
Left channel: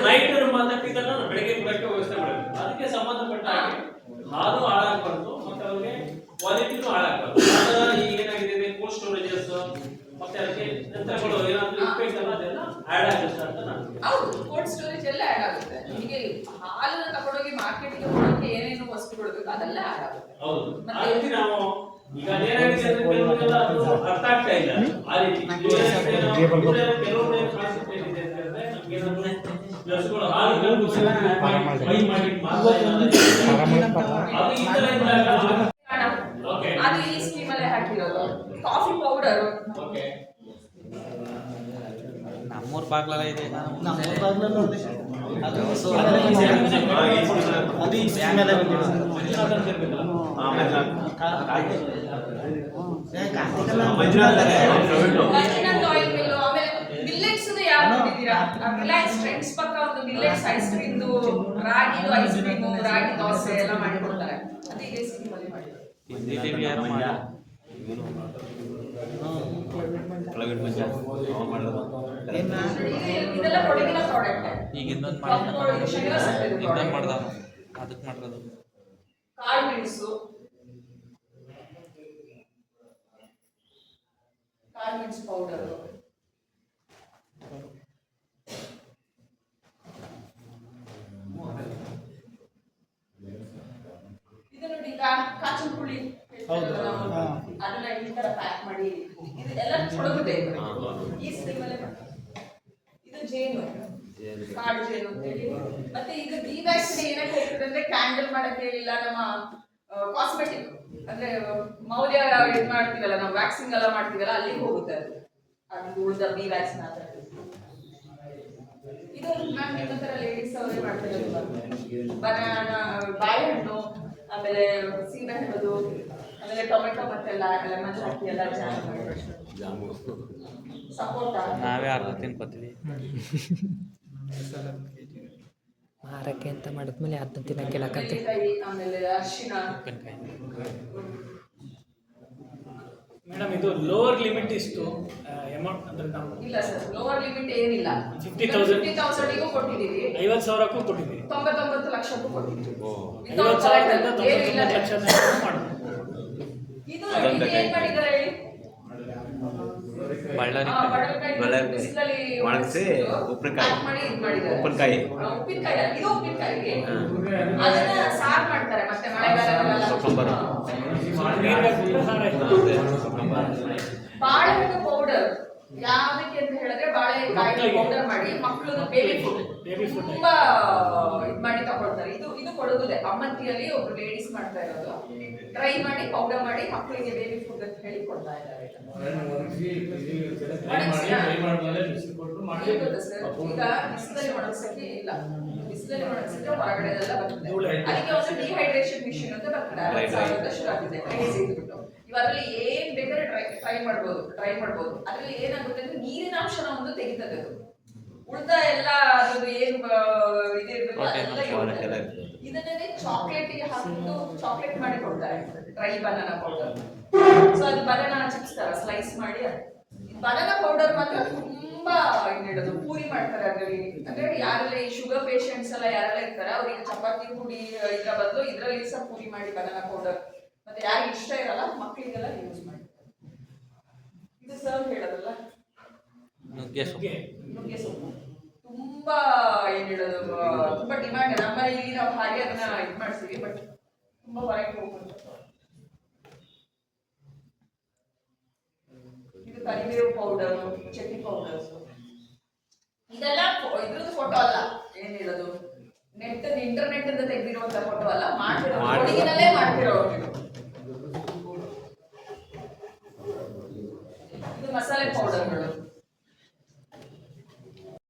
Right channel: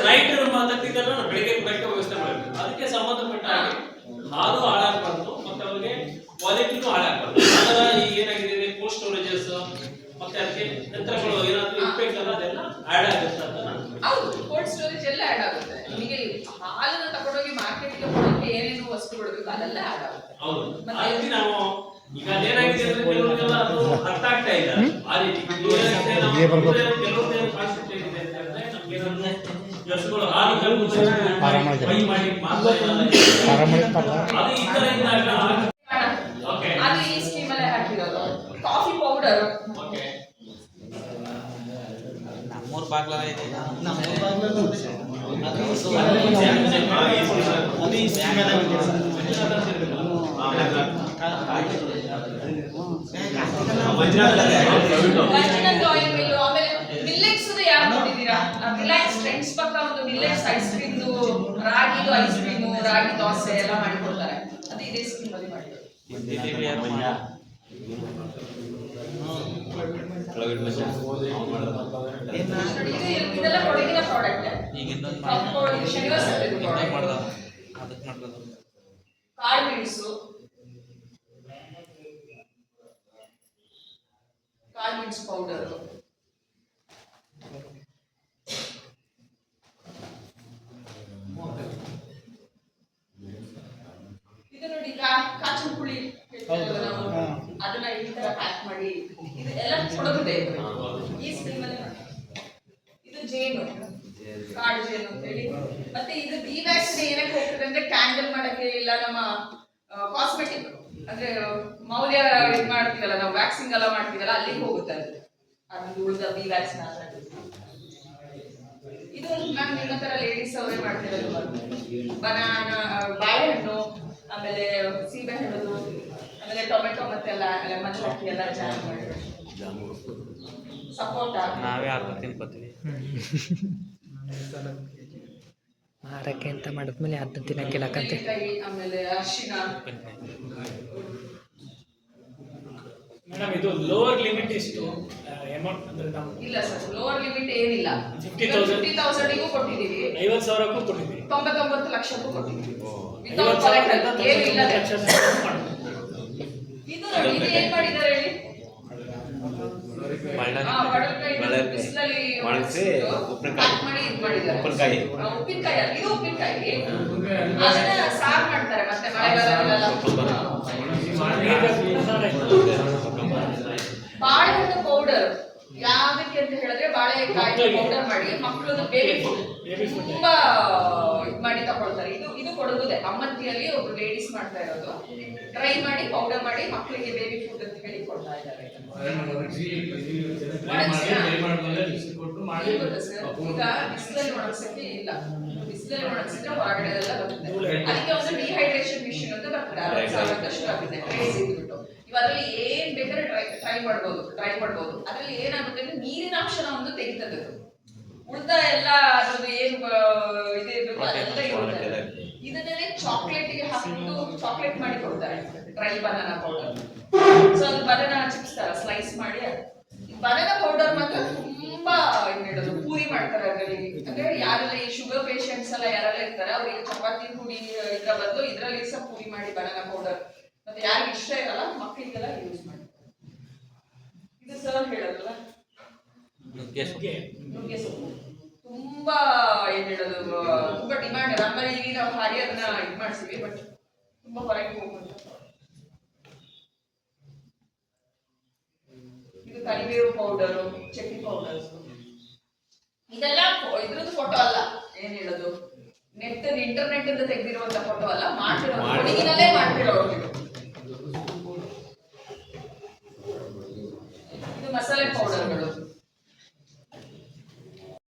ನೈಟ್ ಮಾತಾಡ್ತಿದ್ದಾಗ ನಾನು ಬೆಳಿಗ್ಗೆ ಬೆಟ್ಟ ವ್ಯವಸ್ಥೆ ಮಾಡಬೇಕು. ಅದಕ್ಕೆ ಸಂಬಂಧಪಟ್ಟ ಹಾಗೆ ಹಾಲು ಹಾಳಾಗಬಾರ್ದು ಮತ್ತೆ ಅವ್ರಿಗೆ ಕ್ವಾಲಿಟಿನೂ ಹಾಳಾಗಬಾರ್ದು. ಈಗ ಏನಾಗಿದೆ ಕೋಲ್ಡ್ ಸ್ಟೋರೇಜಸ್ ಮತ್ತೆ ಅದಕ್ಕೆ ಯಂತ್ರಗಳು ಏನಾದ್ರು ಇರ್ಬೇಕಲ್ಲ, ಅದೆಲ್ಲ ಆಡ್ ಆಗುತ್ತೆ ಅಂತ ನಾನು. ಹೌದು, ಕೋಲ್ಡ್ ಸ್ಟೋರೇಜ್ ಎಲ್ಲ ಆಡ್ ಆಗುತ್ತೆ. ನಿಮಗೆ ಹಾಲನ್ನ ತಗೊಂಡೋಗಿ ಮಾರ್ಕೆಟ್ಗೆ ಕೊಡೋಕೆ ಏನೇನು ವಸ್ತುಗಳು ಬೇಕು ಅದೆಲ್ಲ ಆಡ್ ಆಗುತ್ತೆ. ಹೌದು, ಮತ್ತೆ ನಾವು ಈಗ ಅದೇನಾಗಿದೆ ಅಂದ್ರೆ ಕೆಲವರಿಗೆಲ್ಲ ಅದು ಅರ್ಥ ಆಗ್ತಾ ಇಲ್ಲ. ಆ ರೀತಿ ಏನಾಗಿದೆ ನಾವು ಕೆಲವೊಂದು ಕಾನ್ಸೆಪ್ಟ್ ಏನಿದೆ ಅಂತ ಹೇಳಿದ್ರೆ ನಮಗೆ ಹಸುಗಳು ಹಾಲು ಬೈ ಮಾಡಿ ಮಾರ್ತಾ ಇದ್ದಾರೆ. ಅದು ಈ ತರ ಇದ್ದಾಗ ಅದು ಈ ಸ್ಕೀಮ್ ಅಲ್ಲೇ ಹಾಕಿರೋದು. ಕಾಫಿ ಪೌಡರ್ ಓಕೆ ನಮ್ಮೂರ್ ಬಾಗ್ಲಲ್ಲ ಇದೆ. ಮಂಜುನಾಥ್ ಆಯಿಲ್ ಮಿಲ್ಲು, ಆಮೇಲೆ ಮಿಲ್ಲೆಟ್ಸ್ ಯಾರು ನೋಡಿದ್ದೀರಾ? ರಿಲಯನ್ಸ್ ಟ್ರೆಂಡ್ಸ್ ಪಕ್ಕ ಒಂದು ಮಿಲ್ಲೆಟ್ಸ್ ಐಸ್ ಕ್ರೀಮ್ದು, ರಾಗಿದು ಐಸ್ ಕ್ರೀಮು, ರಾಗಿ ದೋಸೆ ಎಲ್ಲ ಮಾಡಿ ಕೊಡ್ತಾರೆ. ಅದು ಇದೇ ಸ್ಕೀಮ್ ಅಲ್ಲಿ ಮಾಡಿರೋದು. ಇದೆಲ್ಲ ಕೊಡಗಿನ ಪ್ರಾಡಕ್ಟ್. ಕಾಳು ಮೆಣಸು, ಕಾಳು ಮೆಣಸು ಪೌಡರ್, ಇದು ನೋಡಿ ಕಾಚನ್ ಪುಳಿ ಅದನ್ನ ಈ ತರ ಪ್ಯಾಕ್ ಮಾಡಿ ಇದು ಎಲ್ಲ ಕೊಡೋದಿದೆ ಈ ಸ್ಕೀಮ್ ಅಲ್ಲಿ. ಇದು ಜೇನು, ಕಾಡು ಜೇನು ಅಂತ ಹೇಳಿ. ಮತ್ತೆ ಇದು ಡಿ ವ್ಯಾಕ್ಸಿನ್ ಏನಕ್ಕೆ ಹೋಗ್ತದೆ ಅಂದ್ರೆ ಕ್ಯಾಂಡಲ್ ಮಾಡಕ್ಕೆ, ಇಲ್ಲ ನಮ್ಮ ಕಾಸ್ಮೆಟಿಕ್ ಅಂದ್ರೆ ಮೌಲ್ಯ ಇದು ಮಾಡ್ತೀವಲ್ಲ ನಾವು, ವ್ಯಾಕ್ಸಿಂಗ್ ಎಲ್ಲ ಮಾಡ್ತೀವಲ್ಲ ಅಲ್ಲಿಗೆ ಹೋಗುತ್ತೆ ಅದು ಉಳಿದ ಬಿ ವ್ಯಾಕ್ಸಿನ್ ಆದ್ರೆ. ಇದು ಮ್ಯಾಮ್ ನಿಮ್ಮ ತರ ಲೇಡೀಸ್ ಅವರೇ ಮಾಡ್ತಿರೋದು. ಬನಾನಾ, ಬಾಳೆಹಣ್ಣು, ಆಮೇಲೆ ಸೀಬೆ ಹಣ್ಣು, ಆಮೇಲೆ ಟೊಮೆಟೊ ಮತ್ತೆ ಲೆಮನ್ ಹಾಕಿ ಎಲ್ಲ ಜಾಮ್ ಮಾಡಿ, ಸಪೋಟ ನಾವೇ ಅರ್ಧ ತಿನ್ಕೋತೀವಿ. ಮಾರಕ್ಕೆ ಅಂತ ಮಾಡಿದ್ಮೇಲೆ ಅದನ್ನ ತಿನ್ನಕ್ಕಿಲ್ಲಕಂತೆ. ಆಮೇಲೆ ಅರಿಶಿನ. ಮೇಡಮ್ ಇದು ಲೋವರ್ ಲಿಮಿಟ್ ಎಷ್ಟು ಅಮೌಂಟ್ ಅಂದ್ರೆ ನಾವು? ಇಲ್ಲ ಸರ್, ಲೋವರ್ ಲಿಮಿಟ್ ಏನಿಲ್ಲ. 50,000 ಕೊಟ್ಟಿದ್ದೀವಿ, 50,000ಕ್ಕೂ ಕೊಟ್ಟಿದ್ದೀವಿ, 99 ಲಕ್ಷಕ್ಕೂ ಕೊಟ್ಟಿದ್ದೀವಿ. ಏನು ಇಲ್ಲ. ಇದು ನೋಡಿ, ಇದು ಏನ್ ಮಾಡಿದ್ದಾರೆ ಹೇಳಿ? ಬಿಸಿಲಲ್ಲಿ ಒಣಗಿಸಿ ಪ್ಯಾಕ್ ಮಾಡಿ ಇದು ಮಾಡಿದ್ದಾರೆ. ಉಪ್ಪಿನಕಾಯಿ ಅಲ್ಲ, ಇದು ಉಪ್ಪಿನಕಾಯಿ. ಅದನ್ನ ಸಾರು ಮಾಡ್ತಾರೆ ಮತ್ತೆ ಮಳೆಗಾಲದಲ್ಲೆಲ್ಲ. ಬಾಳೆಹಣ್ಣು ಪೌಡರ್ ಯಾವ್ದಕ್ಕೆ ಅಂತ ಹೇಳಿದ್ರೆ, ಬಾಳೆಕಾಯಿ ಪೌಡರ್ ಮಾಡಿ ಮಕ್ಕಳದು ಬೇಬಿ ಫುಡ್ ತುಂಬಾ ಇದು ಮಾಡಿ ತಗೊಳ್ತಾರೆ. ಇದು ಕೊಡೋದೇ ಅಮ್ಮತ್ತಿಯಲ್ಲಿ ಒಬ್ರು ಲೇಡೀಸ್ ಮಾಡ್ತಾ ಇರೋದು. ಡ್ರೈ ಮಾಡಿ ಪೌಡರ್ ಮಾಡಿ ಮಕ್ಕಳಿಗೆ ಬೇಬಿ ಫುಡ್ ಅಂತ ಹೇಳಿ ಕೊಡ್ತಾ ಇದ್ದಾರೆ. ಈಗ ಬಿಸಿಲಲ್ಲಿ ಒಣಗಿಸಕ್ಕೆ ಇಲ್ಲ, ಬಿಸಿಲಲ್ಲಿ ಒಣಗಿಸಿದ್ರೆ ಹೊರಗಡೆ ಎಲ್ಲ ಬರುತ್ತೆ. ಅದಕ್ಕೆ ಒಂದು ಡಿಹೈಡ್ರೇಷನ್ ಮಿಷಿನ್ ಅಂತ ಬರ್ತದೆ, ಶುರು ಆಗುತ್ತೆ. ಕ್ರೇಜ್ ಇದ್ಬಿಟ್ಟು ಇವಾಗ ಅದ್ರಲ್ಲಿ ಏನ್ ಬೇಕಾದ್ರೆ ಡ್ರೈ ಮಾಡ್ಬೋದು. ಅದ್ರಲ್ಲಿ ಏನಾಗುತ್ತೆ ಅಂದ್ರೆ ನೀರಿನ ಅಂಶನ ಒಂದು ತೆಗಿತದೆ. ಉಳಿದ ಎಲ್ಲ ಅದ್ರದ್ದು ಏನು ಇದಿರ್ಬೇಕು ಅದೆಲ್ಲ ಇರುತ್ತೆ. ಇದನ್ನೇ ಚಾಕ್ಲೇಟ್ಗೆ ಹಾಕಿಬಿಟ್ಟು ಚಾಕ್ಲೇಟ್ ಮಾಡಿ ಕೊಡ್ತಾರೆ, ಡ್ರೈ ಬನಾನಾ ಪೌಡರ್. ಸೊ ಅದು ಬನಾನಾ ಚಿಪ್ಸ್ ತರ ಸ್ಲೈಸ್ ಮಾಡಿ ಬನಾನಾ ಪೌಡರ್ ಮಾತ್ರ ತುಂಬಾ ಏನ್ ಹೇಳೋದು ಪೂರಿ ಮಾಡ್ತಾರೆ ಅದ್ರಲ್ಲಿ. ಅಂದ್ರೆ ಯಾರೆಲ್ಲ ಈ ಶುಗರ್ ಪೇಷಂಟ್ಸ್ ಎಲ್ಲ ಯಾರೆಲ್ಲ ಇರ್ತಾರೆ ಅವ್ರಿಗೆ ಚಪಾತಿ ಪುಡಿ ಇದ್ರ ಬದಲು ಇದ್ರಲ್ಲಿ ಸಹ ಪೂರಿ ಮಾಡಿ ಬನಾನಾ ಪೌಡರ್ ಮತ್ತೆ ಯಾರಿಗೆ ಇಷ್ಟ ಇರಲ್ಲ ಮಕ್ಕಳಿಗೆಲ್ಲ ಯೂಸ್ ಮಾಡ್ತಾರೆ. ಇದು ಸರ್ ಹೇಳೋದಲ್ಲ ನುಗ್ಗೆ ಸೊಪ್ಪು. ನುಗ್ಗೆ ಸೊಪ್ಪು ತುಂಬಾ ಏನ್ ಹೇಳೋದು ತುಂಬಾ ಡಿಮ್ಯಾಂಡ್. ನಮ್ಮಲ್ಲಿ ಇಲ್ಲಿ ನಾವು ಹಾಗೆ ಅದನ್ನ ಇದು ಮಾಡ್ತೀವಿ, ಬಟ್ ತುಂಬಾ ಹೊರಗೆ ಹೋಗುವಂತ. ಇದು ಕರಿಬೇವು ಪೌಡರ್, ಚಟ್ನಿ ಪೌಡರ್ಸ್, ಇದೆಲ್ಲ ಇದ್ರದ್ದು ಫೋಟೋ ಅಲ್ಲ, ಏನ್ ಹೇಳೋದು ನೆಟ್ ಇಂಟರ್ನೆಟ್ ಇಂದ ತೆಗೆದಿರುವಂತ ಫೋಟೋ ಅಲ್ಲ, ಮಾಡ್ತಿರೋದು ಕೊಡಗಿನಲ್ಲೇ ಮಾಡ್ತಿರೋದು.